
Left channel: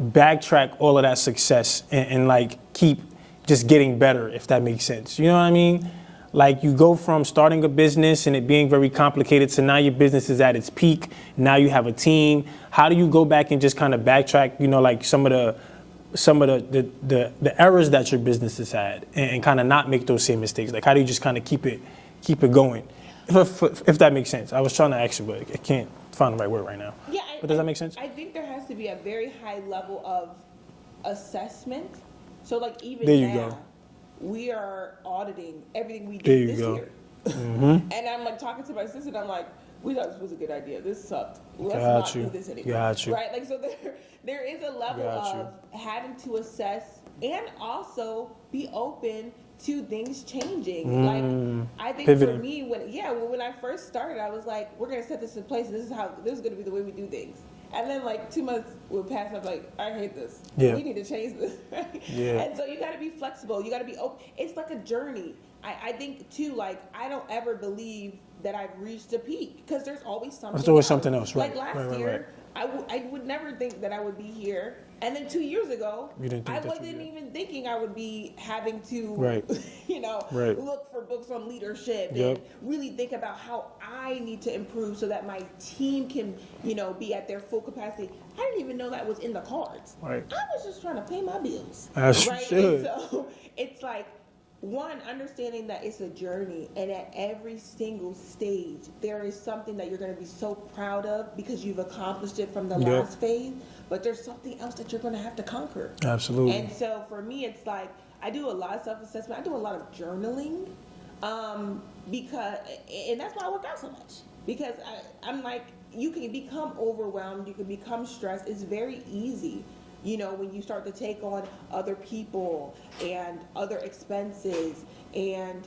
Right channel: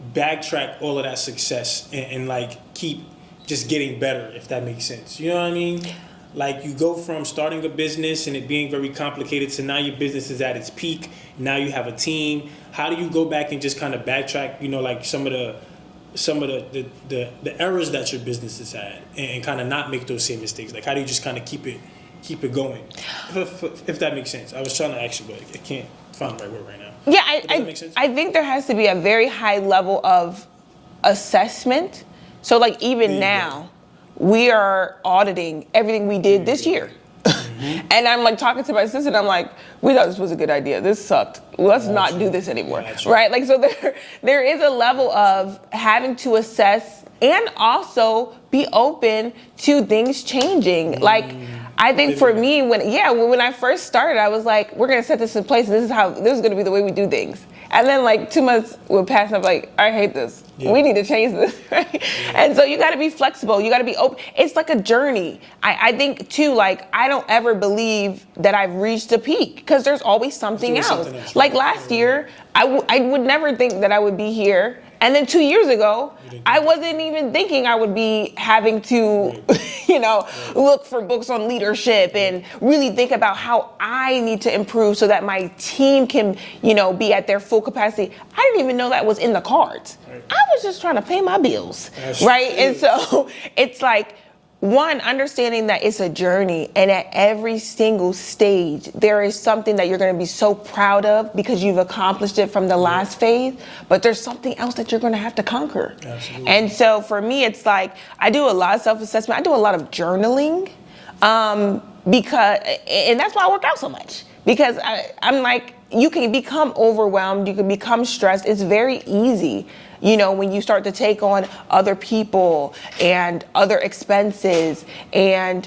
backtrack all of that success and like keep just getting better, if that makes sense? You know what I mean? Like, you go from starting a business and it being very complicated to now your business is at its peak. Now you have a team. How do you go back and just kind of backtrack, like some of the errors that your business has had and kind of not make those same mistakes? Like, how do you just kind of keep it going? If that makes sense. I was trying to ask you, but I can't find the right word right now. Yeah, Does that make sense? I think there has to be a very high level of assessment. So like even now, we are auditing everything we did this year. And I'm like talking to my assistant, I'm like, we thought this was a good idea. This sucked. Let's not do this anymore. Right? Like, so there is a level of having to assess and also be open to things changing. Like, I think for me, when I first started, I was like, we're gonna set this in place. This is gonna be the way we do things. And then like 2 months would pass and I'm like, I hate this. We need to change this, right? And so you gotta be flexible, you gotta be open. It's like a journey. I think too, like, I don't ever believe that I've reached a peak, because there's always something else. Right? Like last year, I would never think that I would be here. And then 2 years ago, I wasn't even thinking I would be having to, look for books on leadership and really think about how I need to improve so that my team can, be at their full capacity. I didn't even know that was in the cards. I was just trying to pay my bills, right? And so it's like, one, understanding that it's a journey, and at every single stage, there is something that you're going to be so proud of because you've accomplished it from the last phase, but there's something else that you're going to have to conquer. Absolutely. And so for me, it's like, I do a lot of self-assessment. I do a lot of journaling, because, and that's why I work out so much, because I'm like, you can become overwhelmed, you can become stressed. It's very easy, when you start to take on other people and other expenses, and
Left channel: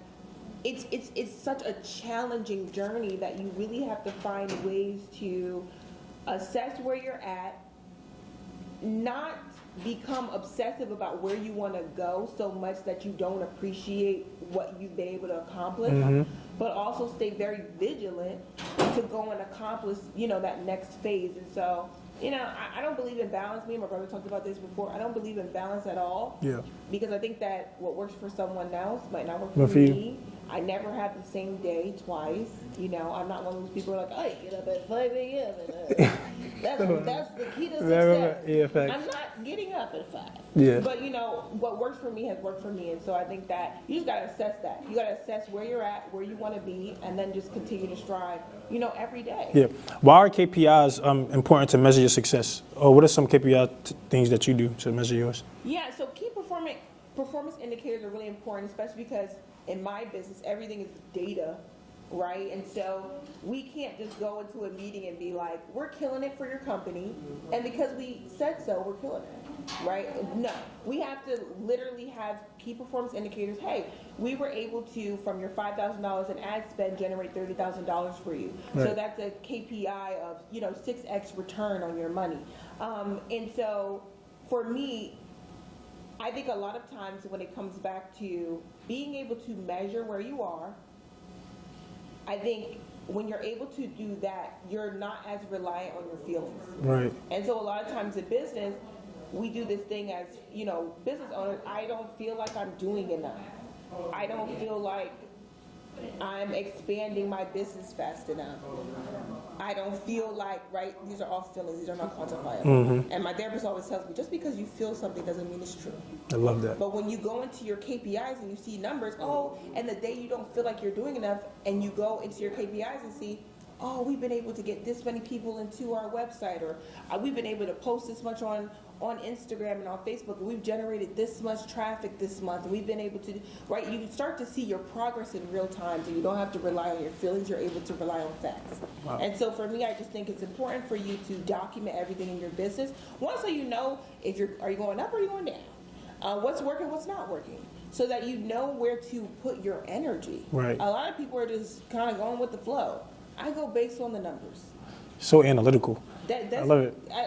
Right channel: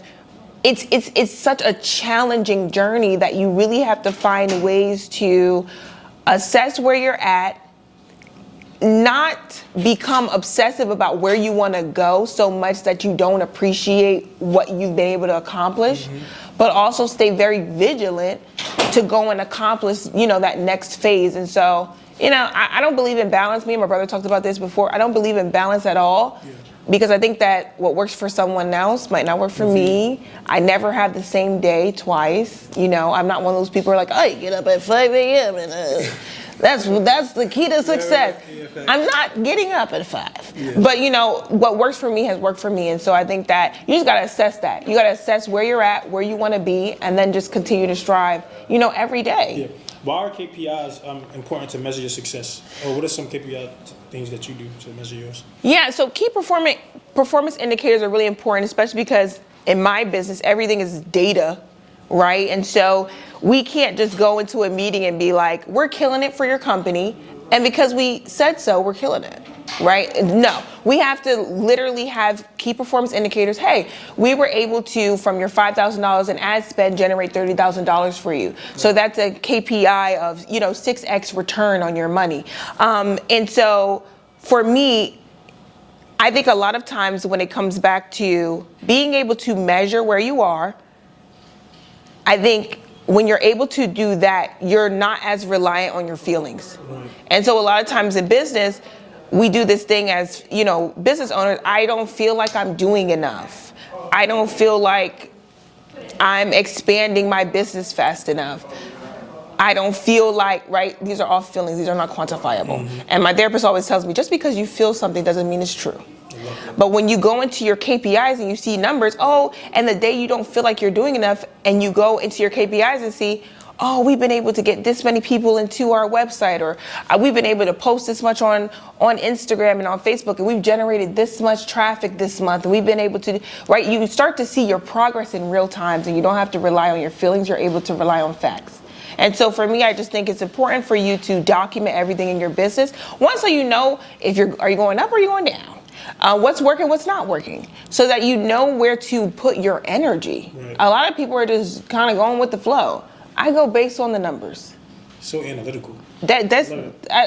it's such a challenging journey that you really have to find ways to assess where you're at, not become obsessive about where you want to go so much that you don't appreciate what you've been able to accomplish, but also stay very vigilant to go and accomplish, that next phase. And so, I don't believe in balance. Me and my brother talked about this before. I don't believe in balance at all, because I think that what works for someone else might not work for me. I never have the same day twice. I'm not one of those people who are like, I get up at 5 a.m. and that's the key to success. I'm not getting up at 5. But what works for me has worked for me, and so I think that you just gotta assess that. You gotta assess where you're at, where you want to be, and then just continue to strive, every day. Yeah. Why are KPIs important to measure your success? Or what are some KPI things that you do to measure yours? Yeah, so key performance indicators are really important, especially because in my business, everything is data, right? And so we can't just go into a meeting and be like, we're killing it for your company, and because we said so, we're killing it, right? No, we have to literally have key performance indicators. Hey, we were able to, from your $5,000 in ad spend, generate $30,000 for you. So that's a KPI of, 6x return on your money. And so for me, I think a lot of times when it comes back to being able to measure where you are, I think when you're able to do that, you're not as reliant on your feelings. Right. And so a lot of times in business, we do this thing as, business owners, I don't feel like I'm doing enough. I don't feel like I'm expanding my business fast enough. I don't feel like, right? These are all feelings. These are not quantifiable. And my therapist always tells me, just because you feel something doesn't mean it's true. I love that. But when you go into your KPIs and you see numbers, and the day you don't feel like you're doing enough, and you go into your KPIs and see, we've been able to get this many people into our website, or we've been able to post this much on Instagram and on Facebook, and we've generated this much traffic this month, and we've been able to, right? You start to see your progress in real time, and you don't have to rely on your feelings, you're able to rely on facts. And so for me, I just think it's important for you to document everything in your business. One, so you know if are you going up or are you going down? What's working, what's not working, so that you know where to put your energy. Right. A lot of people are just kind of going with the flow. I go based on the numbers. So analytical. That's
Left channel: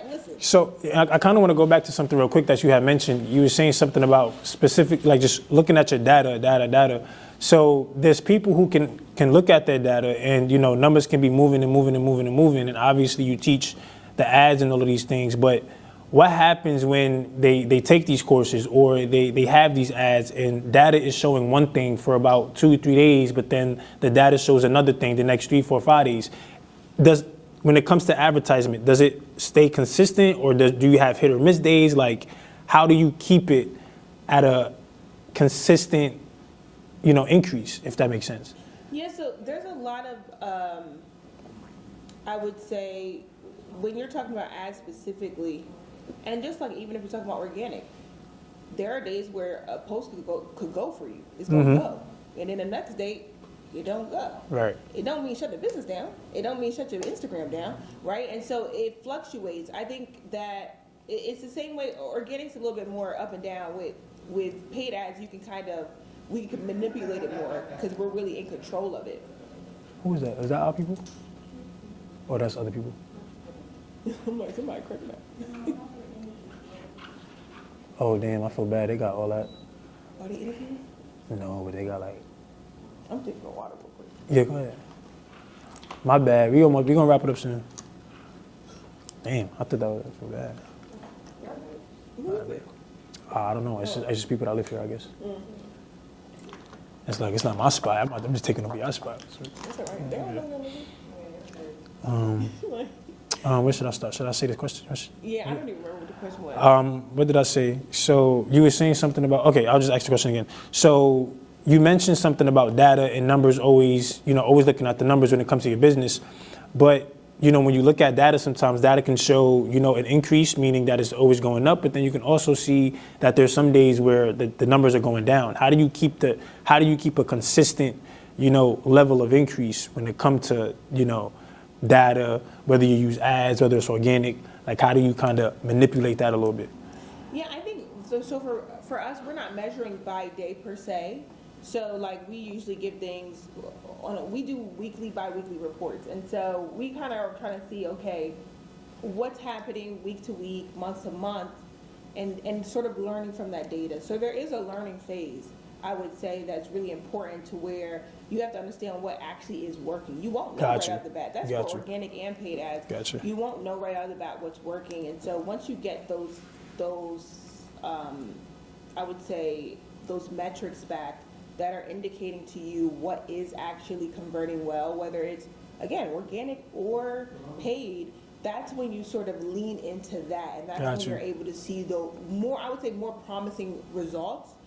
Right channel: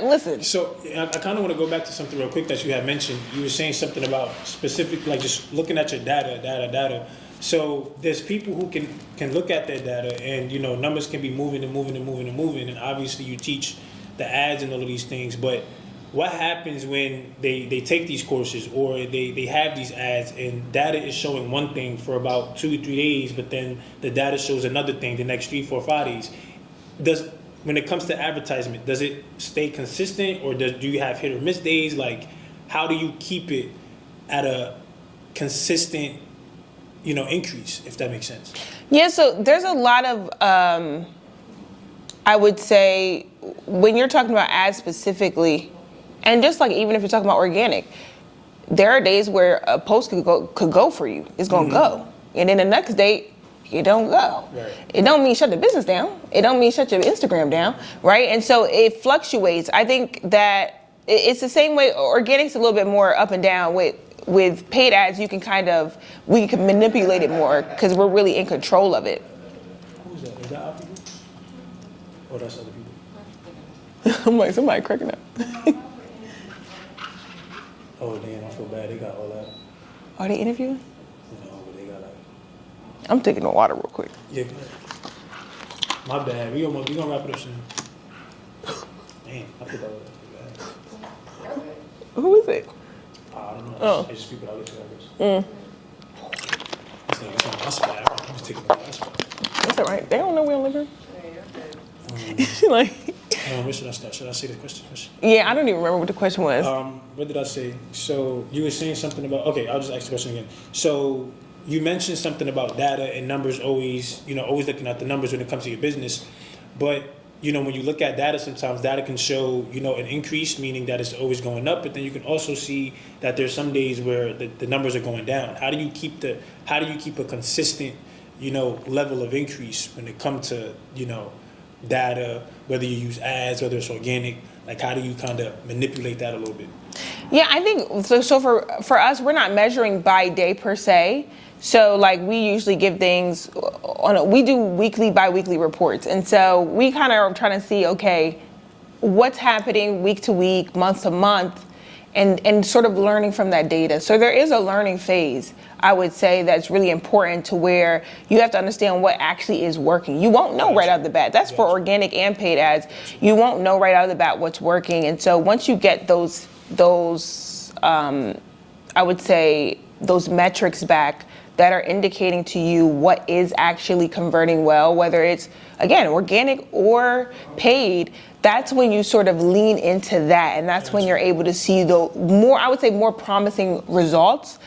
listen. So I kind of want to go back to something real quick that you had mentioned. You were saying something about specific, like just looking at your data. So there's people who can look at their data, and numbers can be moving, and obviously you teach the ads and all of these things. But what happens when they take these courses, or they have these ads, and data is showing one thing for about 2 or 3 days, but then the data shows another thing the next 3, 4, 5 days? When it comes to advertisement, does it stay consistent, or do you have hit or miss days? Like, how do you keep it at a consistent, increase, if that makes sense? Yeah, so there's a lot of, I would say, when you're talking about ads specifically, and just like even if you're talking about organic, there are days where a post could go for you. It's going to go. And then the next day, it don't go. Right. It don't mean shut the business down. It don't mean shut your Instagram down, right? And so it fluctuates. I think that it's the same way. Organic's a little bit more up and down. With paid ads, we can manipulate it more because we're really in control of it. Who is that? Is that our people? Or that's other people? I'm like, somebody cracking up. Oh, damn, I feel bad. They got all that. Are they interviewing? No, but they got like... I'm taking the water real quick. Yeah, go ahead. My bad. We gonna wrap it up soon. Damn, I thought that was bad. Who is it? I don't know. It's just people that live here, I guess. It's like, it's not my spot. I'm just taking over your spot. That's all right. They don't know we don't live here. Like... where should I start? Should I say the question? Yeah, I don't even remember what the question was. What did I say? So you were saying something about, okay, I'll just ask the question again. So you mentioned something about data and numbers, always looking at the numbers when it comes to your business. But, when you look at data, sometimes data can show, an increase, meaning that it's always going up, but then you can also see that there's some days where the numbers are going down. How do you keep a consistent, level of increase when it comes to, data, whether you use ads, whether it's organic? Like, how do you kind of manipulate that a little bit? Yeah, I think so. For us, we're not measuring by day per se. So like we usually give things we do weekly, bi-weekly reports, and so we kind of are trying to see, okay, what's happening week to week, month to month, and sort of learning from that data. So there is a learning phase, I would say, that's really important, to where you have to understand what actually is working. You won't know right out of the bat. That's for organic and paid ads. You won't know right out of the bat what's working. And so once you get those I would say, those metrics back that are indicating to you what is actually converting well, whether it's, again, organic or paid, that's when you sort of lean into that, and that's when you're able to see the more promising results,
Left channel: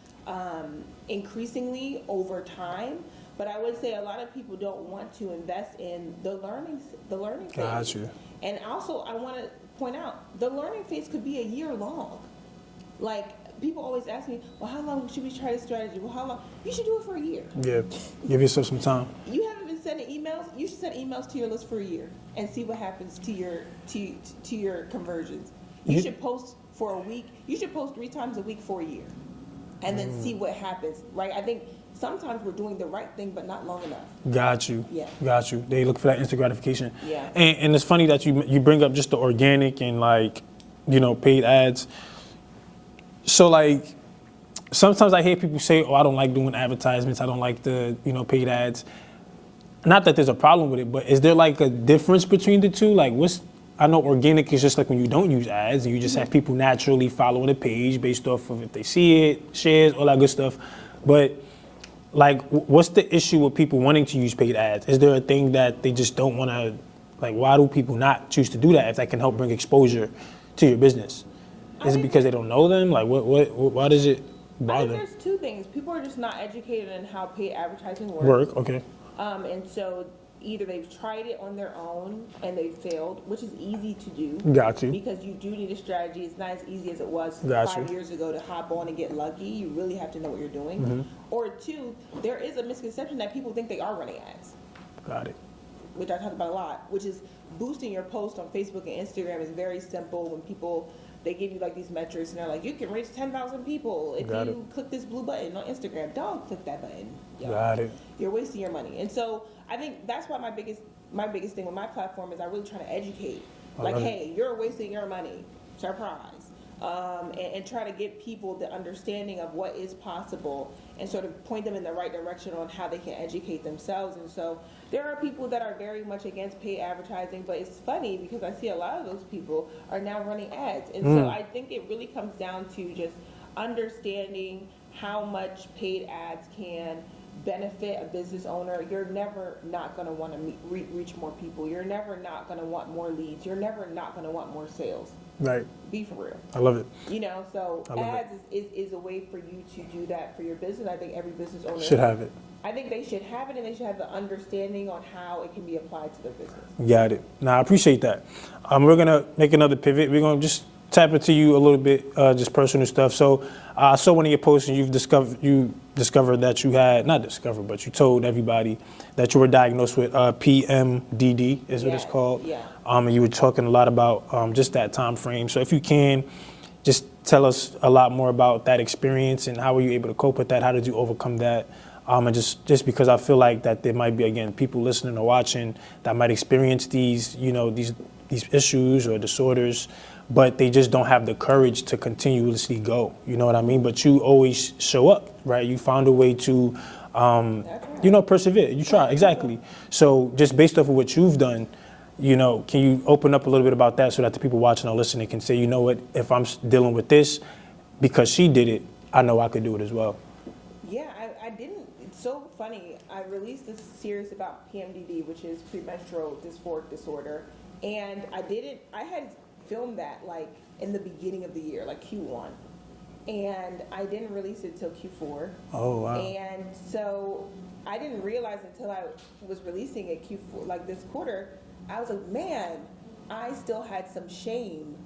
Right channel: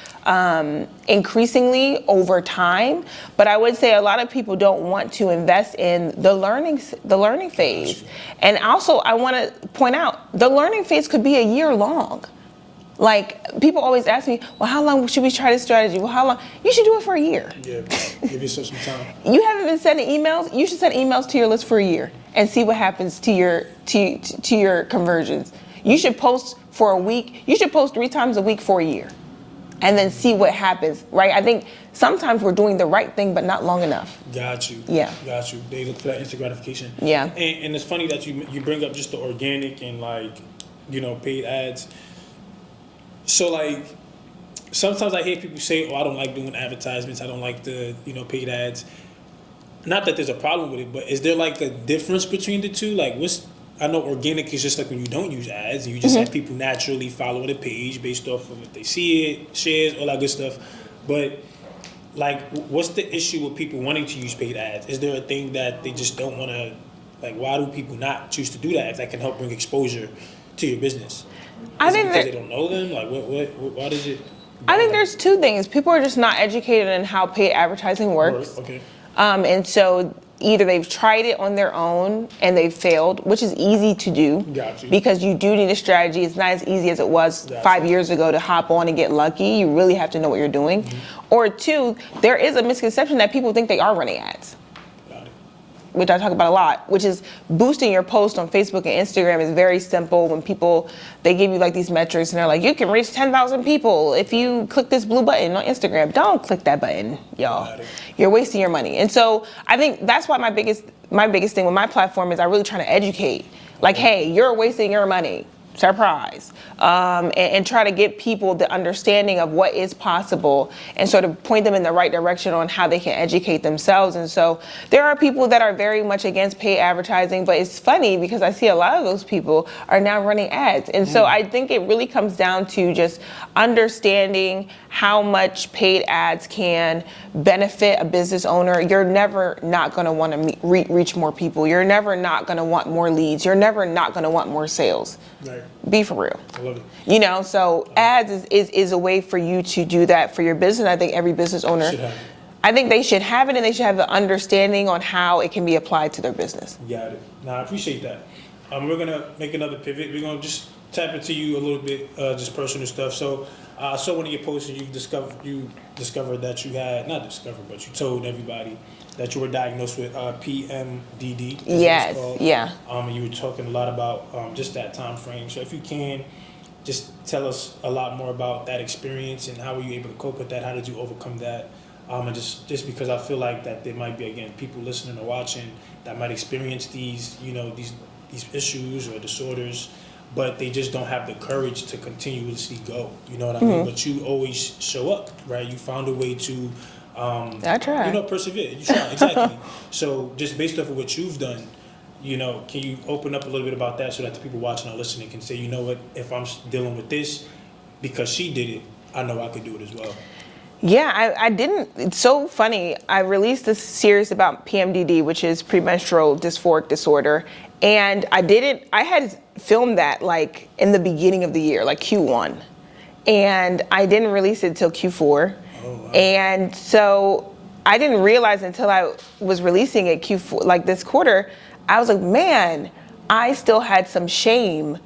increasingly over time. But I would say a lot of people don't want to invest in the learning phase. And also, I want to point out, the learning phase could be a year long. Like, people always ask me, well, how long should we try this strategy? Well, how long? You should do it for a year. Yeah, give yourself some time. You haven't been sending emails? You should send emails to your list for a year and see what happens to your conversions. You should post for a week. You should post 3 times a week for a year and then see what happens, right? I think sometimes we're doing the right thing, but not long enough. Got you. Yeah. Got you. They look for that instant gratification. Yeah. And it's funny that you bring up just the organic and, like, paid ads. So, like, sometimes I hear people say, I don't like doing advertisements. I don't like the, paid ads. Not that there's a problem with it, but is there, like, a difference between the two? Like, I know organic is just like when you don't use ads and you just have people naturally follow the page based off of if they see it, shares, all that good stuff. But, like, what's the issue with people wanting to use paid ads? Is there a thing that they just don't want to, Like, why do people not choose to do that if that can help bring exposure to your business? Is it because they don't know them? Like, why does it? I think there's two things. People are just not educated in how paid advertising works. Okay. And so either they've tried it on their own and they've failed, which is easy to do. Got you. Because you do need a strategy. It's not as easy as it was 5 years ago to hop on and get lucky. You really have to know what you're doing. Or two, there is a misconception that people think they are running ads. Got it. Which I talk about a lot, which is boosting your post on Facebook and Instagram is very simple. When people, they give you like these metrics and they're like, you can reach 10,000 people if you click this blue button on Instagram. Don't click that button, y'all. You're wasting your money. And so I think that's why my biggest thing with my platform is I really try to educate. Like, hey, you're wasting your money. Surprise. And try to get people the understanding of what is possible and sort of point them in the right direction on how they can educate themselves. And so there are people that are very much against paid advertising, but it's funny because I see a lot of those people are now running ads. And so I think it really comes down to just understanding how much paid ads can benefit a business owner. You're never not going to want to reach more people. You're never not going to want more leads. You're never not going to want more sales. Right. Be for real. I love it. You know, so ads is a way for you to do that for your business. I think every business owner should have it. I think they should have it, and they should have the understanding on how it can be applied to their business. Got it. Now, I appreciate that. We're going to make another pivot. We're going to just tap into you a little bit, just personal stuff. So I saw one of your posts, and you discovered that you had, not discovered, but you told everybody that you were diagnosed with PMDD, is what it's called. Yeah. And you were talking a lot about just that time frame. So if you can, just tell us a lot more about that experience and how were you able to cope with that? How did you overcome that? And just because I feel like that there might be, again, people listening or watching that might experience these, you know, these issues or disorders, but they just don't have the courage to continuously go. You know what I mean? But you always show up, right? You found a way to, I try. you know, persevere. You try, exactly. So just based off of what you've done, you know, can you open up a little bit about that so that the people watching or listening can say, you know what, if I'm dealing with this, because she did it, I know I could do it as well. Yeah, I didn't. It's so funny. I released this series about PMDD, which is premenstrual dysphoric disorder. And I had filmed that like in the beginning of the year, like Q1. And I didn't release it till Q4. Oh, wow. And so I didn't realize until I was releasing it Q4, like this quarter, I was like, man, I still had some shame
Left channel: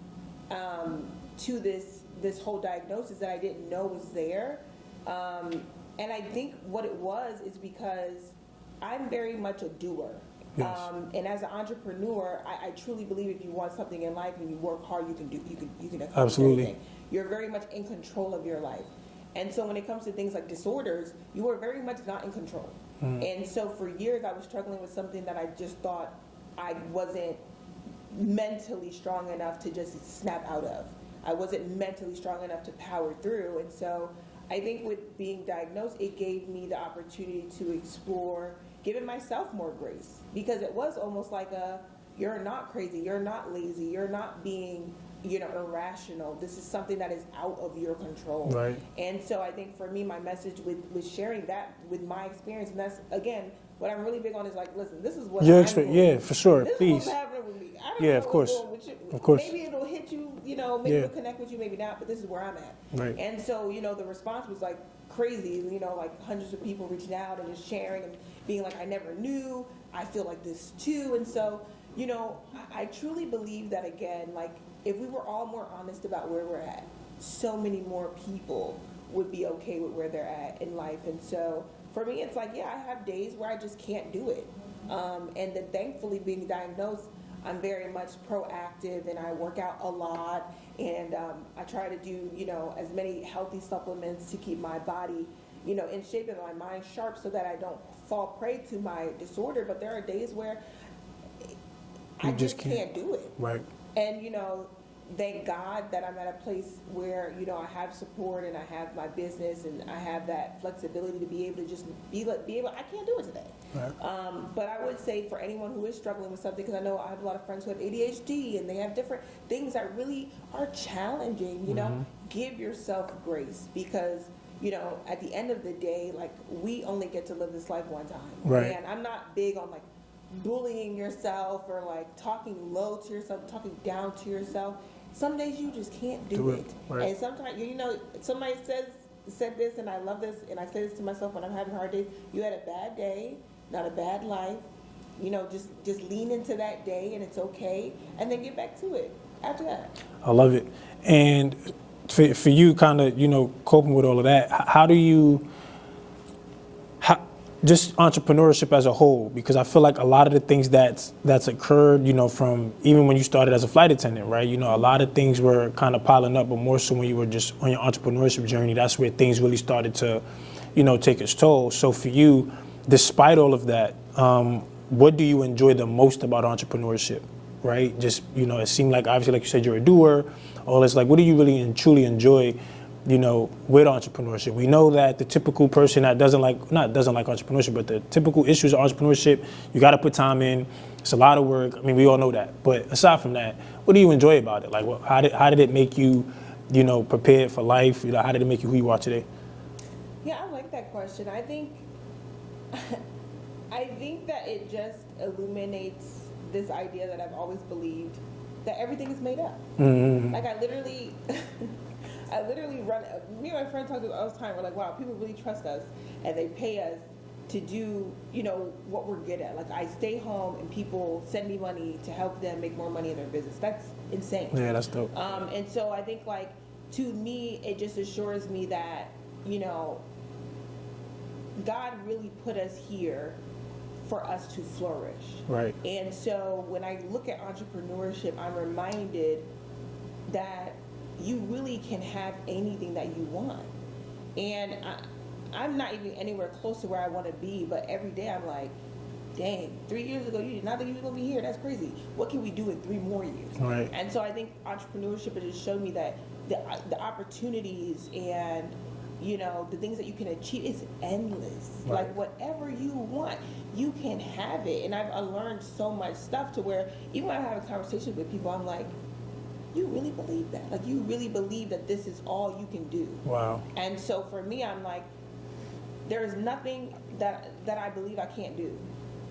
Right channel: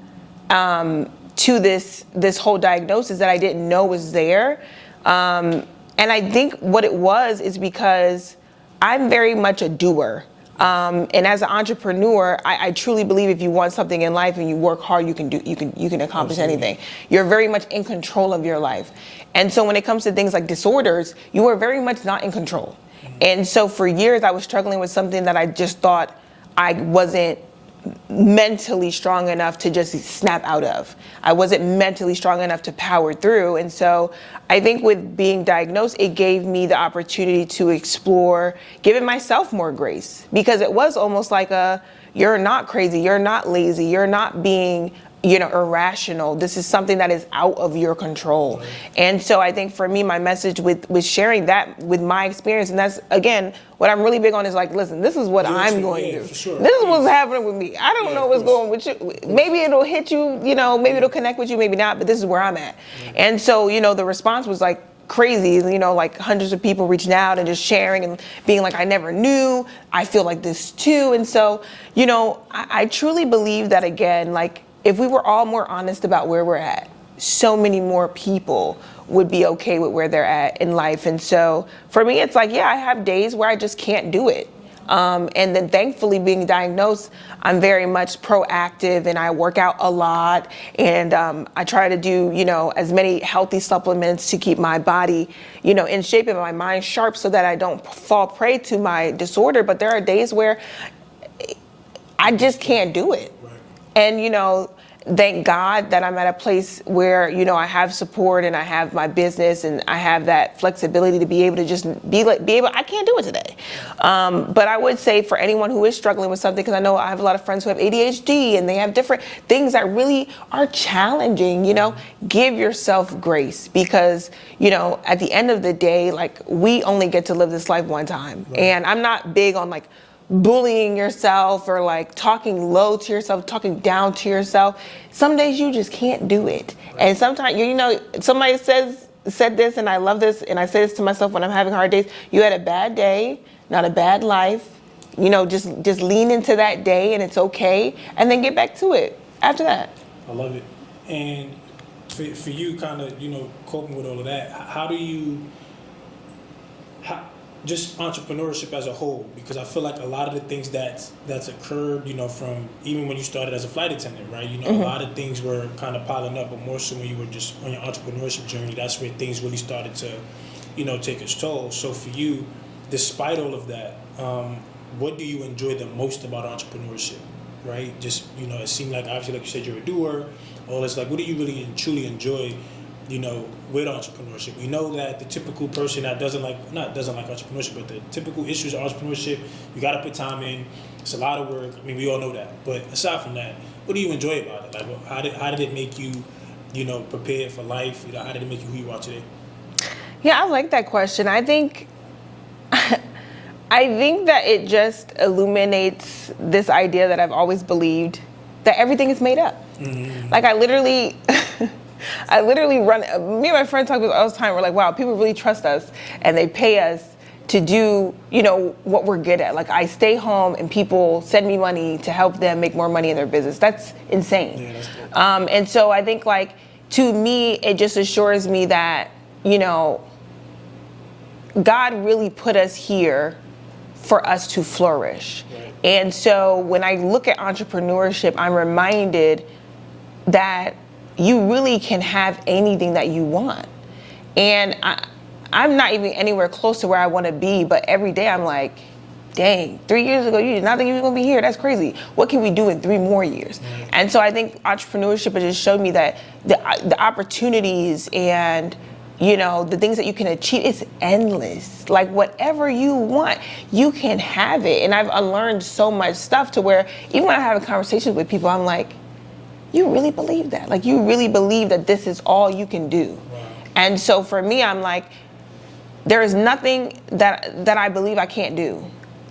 to this whole diagnosis that I didn't know was there. And I think what it was is because I'm very much a doer. And as an entrepreneur, I truly believe if you want something in life and you work hard, you can accomplish anything. You're very much in control of your life. And so when it comes to things like disorders, you are very much not in control. And so for years, I was struggling with something that I just thought I wasn't mentally strong enough to just snap out of. I wasn't mentally strong enough to power through. And so I think with being diagnosed, it gave me the opportunity to explore giving myself more grace, because it was almost like you're not crazy, you're not lazy, you're not being, you know, irrational. This is something that is out of your control. Right. And so I think for me, my message with sharing that with my experience, and that's, again, what I'm really big on is like, listen, this is what I'm going through. For sure. This is what's happening with me. I don't know what's going with you. Maybe it'll hit you, you know, maybe it'll connect with you, maybe not, but this is where I'm at. Right. And so, you know, the response was like crazy, you know, like hundreds of people reaching out and just sharing and being like, I never knew, I feel like this too. And so, you know, I truly believe that, again, like, if we were all more honest about where we're at, so many more people would be okay with where they're at in life. And so for me, it's like, yeah, I have days where I just can't do it. And then thankfully being diagnosed, I'm very much proactive and I work out a lot. And I try to do, you know, as many healthy supplements to keep my body, you know, in shape and my mind sharp so that I don't fall prey to my disorder. But there are days where I just can't do it. Right. And, you know, thank God that I'm at a place where, you know, I have support and I have my business and I have that flexibility to be able to just be able, I can't do it today. But I would say for anyone who is struggling with something, because I know I have a lot of friends who have ADHD and they have different things that really are challenging, you know, give yourself grace, because, you know, at the end of the day, like, we only get to live this life one time. Right. And I'm not big on like bullying yourself or like talking low to yourself, talking down to yourself. Some days you just can't do it. Right. And sometimes, you know, somebody said this, and I love this, and I say this to myself when I'm having hard days. You had a bad day, not a bad life. You know, just lean into that day, and it's okay, and then get back to it after that. I love it. And for you, kind of, you know, coping with all of that, how do you, just entrepreneurship as a whole, because I feel like a lot of the things that's occurred, you know, from even when you started as a flight attendant, right? You know, a lot of things were kind of piling up, but more so when you were just on your entrepreneurship journey, that's where things really started to, you know, take its toll. So for you, despite all of that, what do you enjoy the most about entrepreneurship, right? Just, you know, it seemed like, obviously, like you said, you're a doer, all this, like, what do you really and truly enjoy, you know, with entrepreneurship? We know that the typical person that doesn't like entrepreneurship, but the typical issues of entrepreneurship, you got to put time in. It's a lot of work. I mean, we all know that. But aside from that, what do you enjoy about it? Like, how did it make you, you know, prepared for life? You know, how did it make you who you are today? Yeah, I like that question. I think that it just illuminates this idea that I've always believed, that everything is made up. Mm-hmm. Like, I literally run, me and my friend talk about it all the time. We're like, wow, people really trust us and they pay us to do, you know, what we're good at. Like, I stay home and people send me money to help them make more money in their business. That's insane. Yeah, that's dope. And so I think, like, to me, it just assures me that, you know, God really put us here for us to flourish. Right. And so when I look at entrepreneurship, I'm reminded that you really can have anything that you want. And I'm not even anywhere close to where I want to be, but every day I'm like, dang, 3 years ago, you did not think you were going to be here. That's crazy. What can we do in 3 more years? Right. And so I think entrepreneurship has just showed me that the opportunities and, you know, the things that you can achieve, it's endless. Like, whatever you want, you can have it. And I've unlearned so much stuff to where even when I have conversations with people, I'm like, you really believe that? Like, you really believe that this is all you can do? Wow. And so for me, I'm like, there is nothing that I believe I can't do.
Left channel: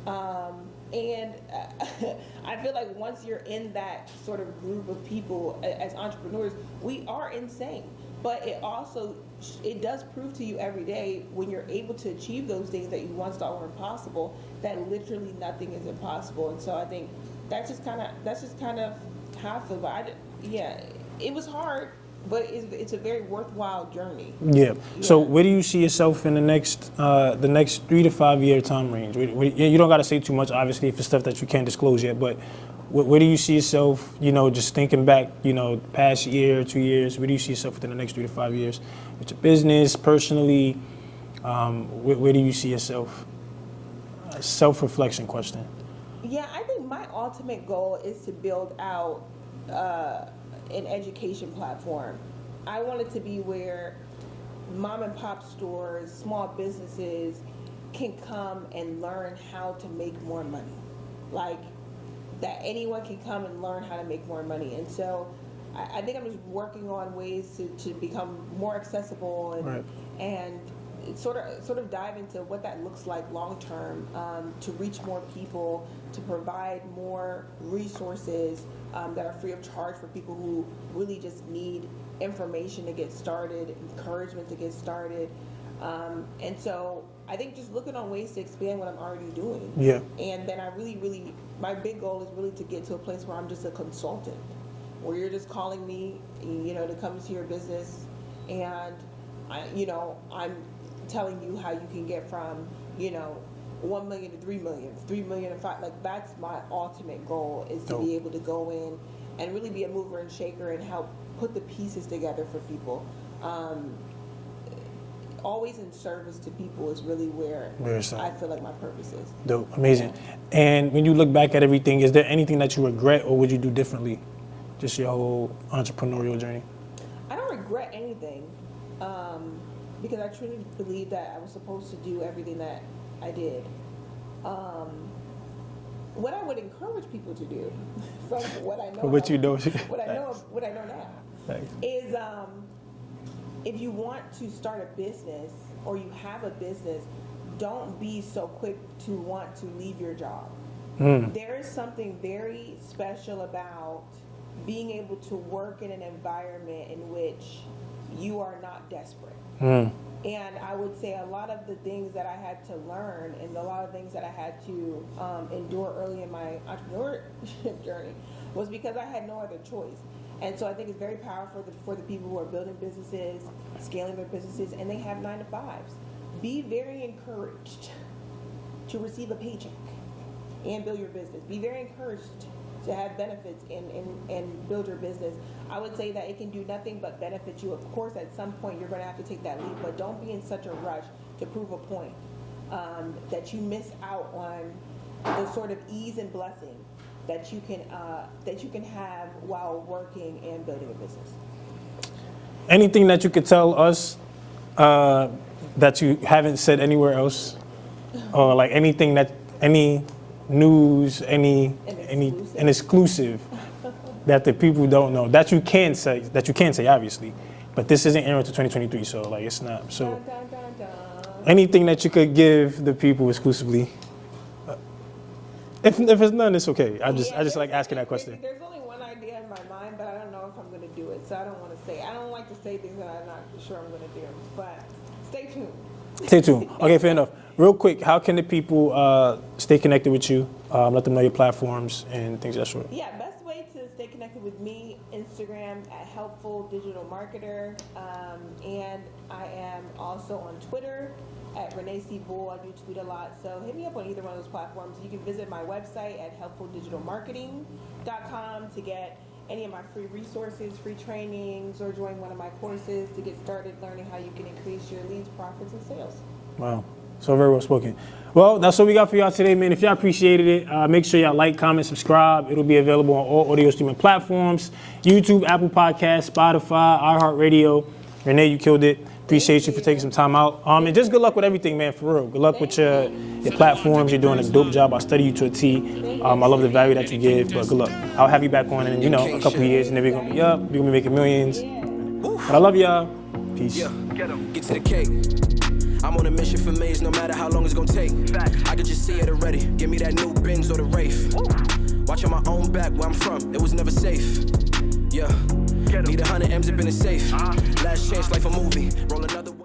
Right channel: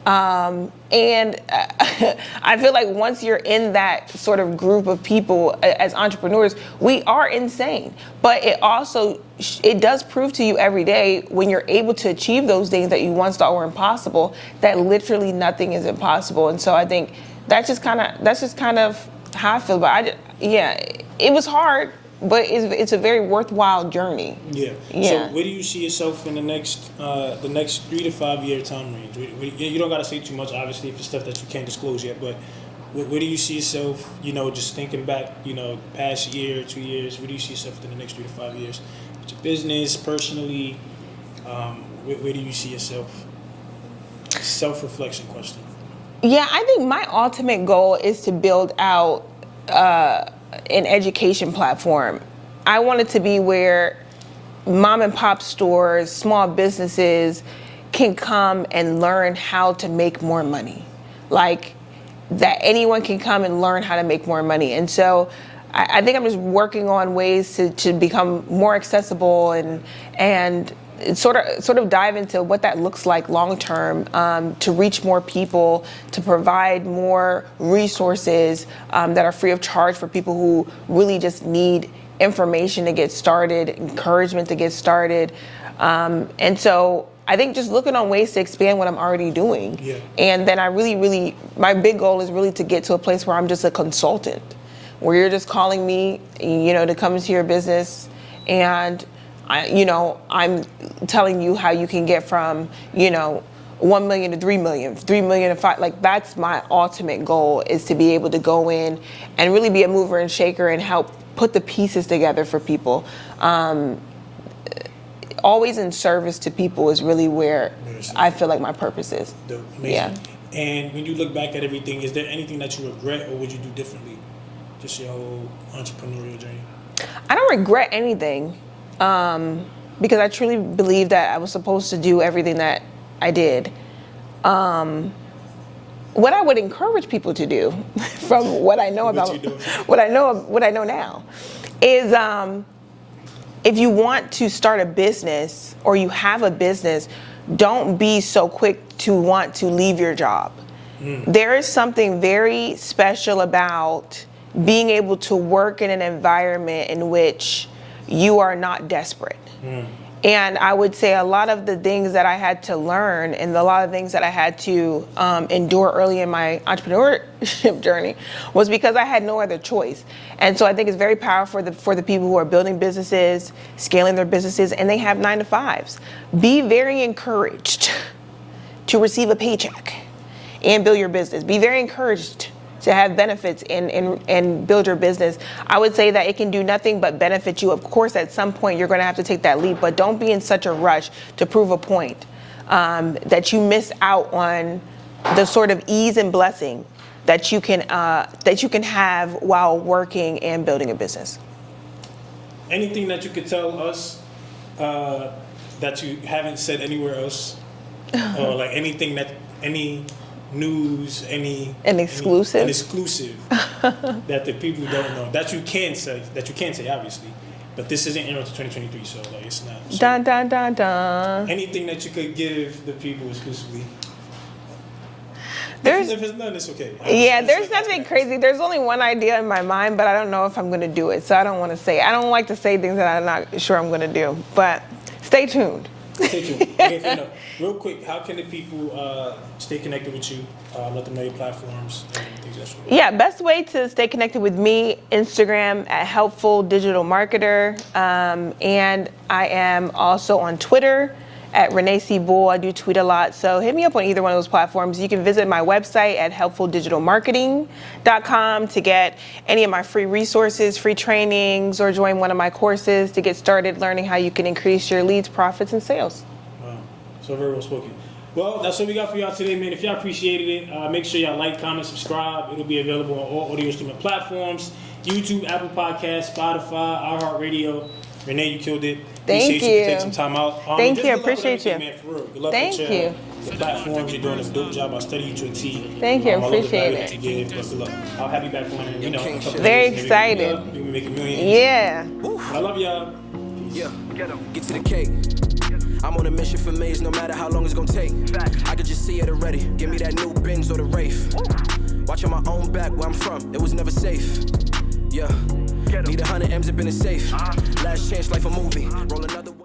And I feel like once you're in that sort of group of people as entrepreneurs, we are insane. But it does prove to you every day when you're able to achieve those things that you once thought were impossible, that literally nothing is impossible. And so I think that's just kind of how I feel. But it was hard, but it's a very worthwhile journey. Yeah. So where do you see yourself in the next 3 to 5 year time range? You don't got to say too much, obviously, for stuff that you can't disclose yet, but where do you see yourself, you know, just thinking back, you know, past year, 2 years, where do you see yourself within the next 3 to 5 years? With your business, personally, where do you see yourself? Self-reflection question. Yeah, I think my ultimate goal is to build out an education platform. I want it to be where mom and pop stores, small businesses can come and learn how to make more money. Like, that anyone can come and learn how to make more money. And so I think I'm just working on ways to become more accessible and sort of dive into what that looks like long term, to reach more people, to provide more resources that are free of charge for people who really just need information to get started, encouragement to get started. And so I think just looking on ways to expand what I'm already doing. Yeah. And then my big goal is really to get to a place where I'm just a consultant, where you're just calling me, you know, to come into your business, and I'm telling you how you can get from, you know, 1 million to 3 million, 3 million to 5. Like, that's my ultimate goal, is to be able to go in and really be a mover and shaker and help put the pieces together for people. Always in service to people is really where I feel like my purpose is. Dope. Amazing. Yeah. And when you look back at everything, is there anything that you regret, or would you do differently? Just your whole entrepreneurial journey. I don't regret anything. Because I truly believe that I was supposed to do everything that I did. What I would encourage people to do, from what I know about what I know now, is if you want to start a business or you have a business, don't be so quick to want to leave your job. There is something very special about being able to work in an environment in which you are not desperate. And I would say a lot of the things that I had to learn and a lot of things that I had to endure early in my entrepreneurship journey was because I had no other choice. And so I think it's very powerful for the people who are building businesses, scaling their businesses, and they have 9-to-5s. Be very encouraged to receive a paycheck and build your business. Be very encouraged to have benefits and build your business. I would say that it can do nothing but benefit you. Of course, at some point, you're going to have to take that leap, but don't be in such a rush to prove a point that you miss out on the sort of ease and blessing that you can have while working and building a business. Anything that you could tell us that you haven't said anywhere else? Or like anything any news, an exclusive that the people don't know that you can say obviously, but this isn't airing until 2023, so like it's not. So Dun dun dun dun. Anything that you could give the people exclusively. If it's none, it's okay. There's nothing crazy. There's only one idea in my mind, but I don't know if I'm going to do it, so I don't want to say. I don't like to say things that I'm not sure I'm going to do, but stay tuned. Stay tuned. Okay, fair enough. Real quick, how can the people stay connected with you? Let them know your platforms and things of that sort. Yeah, best way to stay connected with me, Instagram at Helpful Digital Marketer. And I am also on Twitter at Renee Bull. I do tweet a lot, so hit me up on either one of those platforms. You can visit my website at helpfuldigitalmarketing.com to get any of my free resources, free trainings, or join one of my courses to get started learning how you can increase your leads, profits, and sales. Wow, so very well spoken. Well, that's what we got for y'all today, man. If y'all appreciated it, make sure y'all like, comment, subscribe. It'll be available on all audio streaming platforms, YouTube, Apple Podcasts, Spotify, iHeartRadio. Renee, you killed it. Appreciate you for taking some time out. And just good luck with everything, man, for real. Good luck with your platforms. You're doing a dope job. I study you to a T. Thank you. I love the value that you give, but good luck. I'll have you back on in a couple of years. Very excited. You're going to make $1 million. Yeah. I love y'all. Peace. Yeah, get to the cake. I'm on a mission for Maze, no matter how long it's gonna take. I could just see it already. Give me that new Benz or the Wraith. Watching my own back where I'm from, it was never safe. Yeah, need 100 M's up in the safe. Last chance, like a movie. Roll another.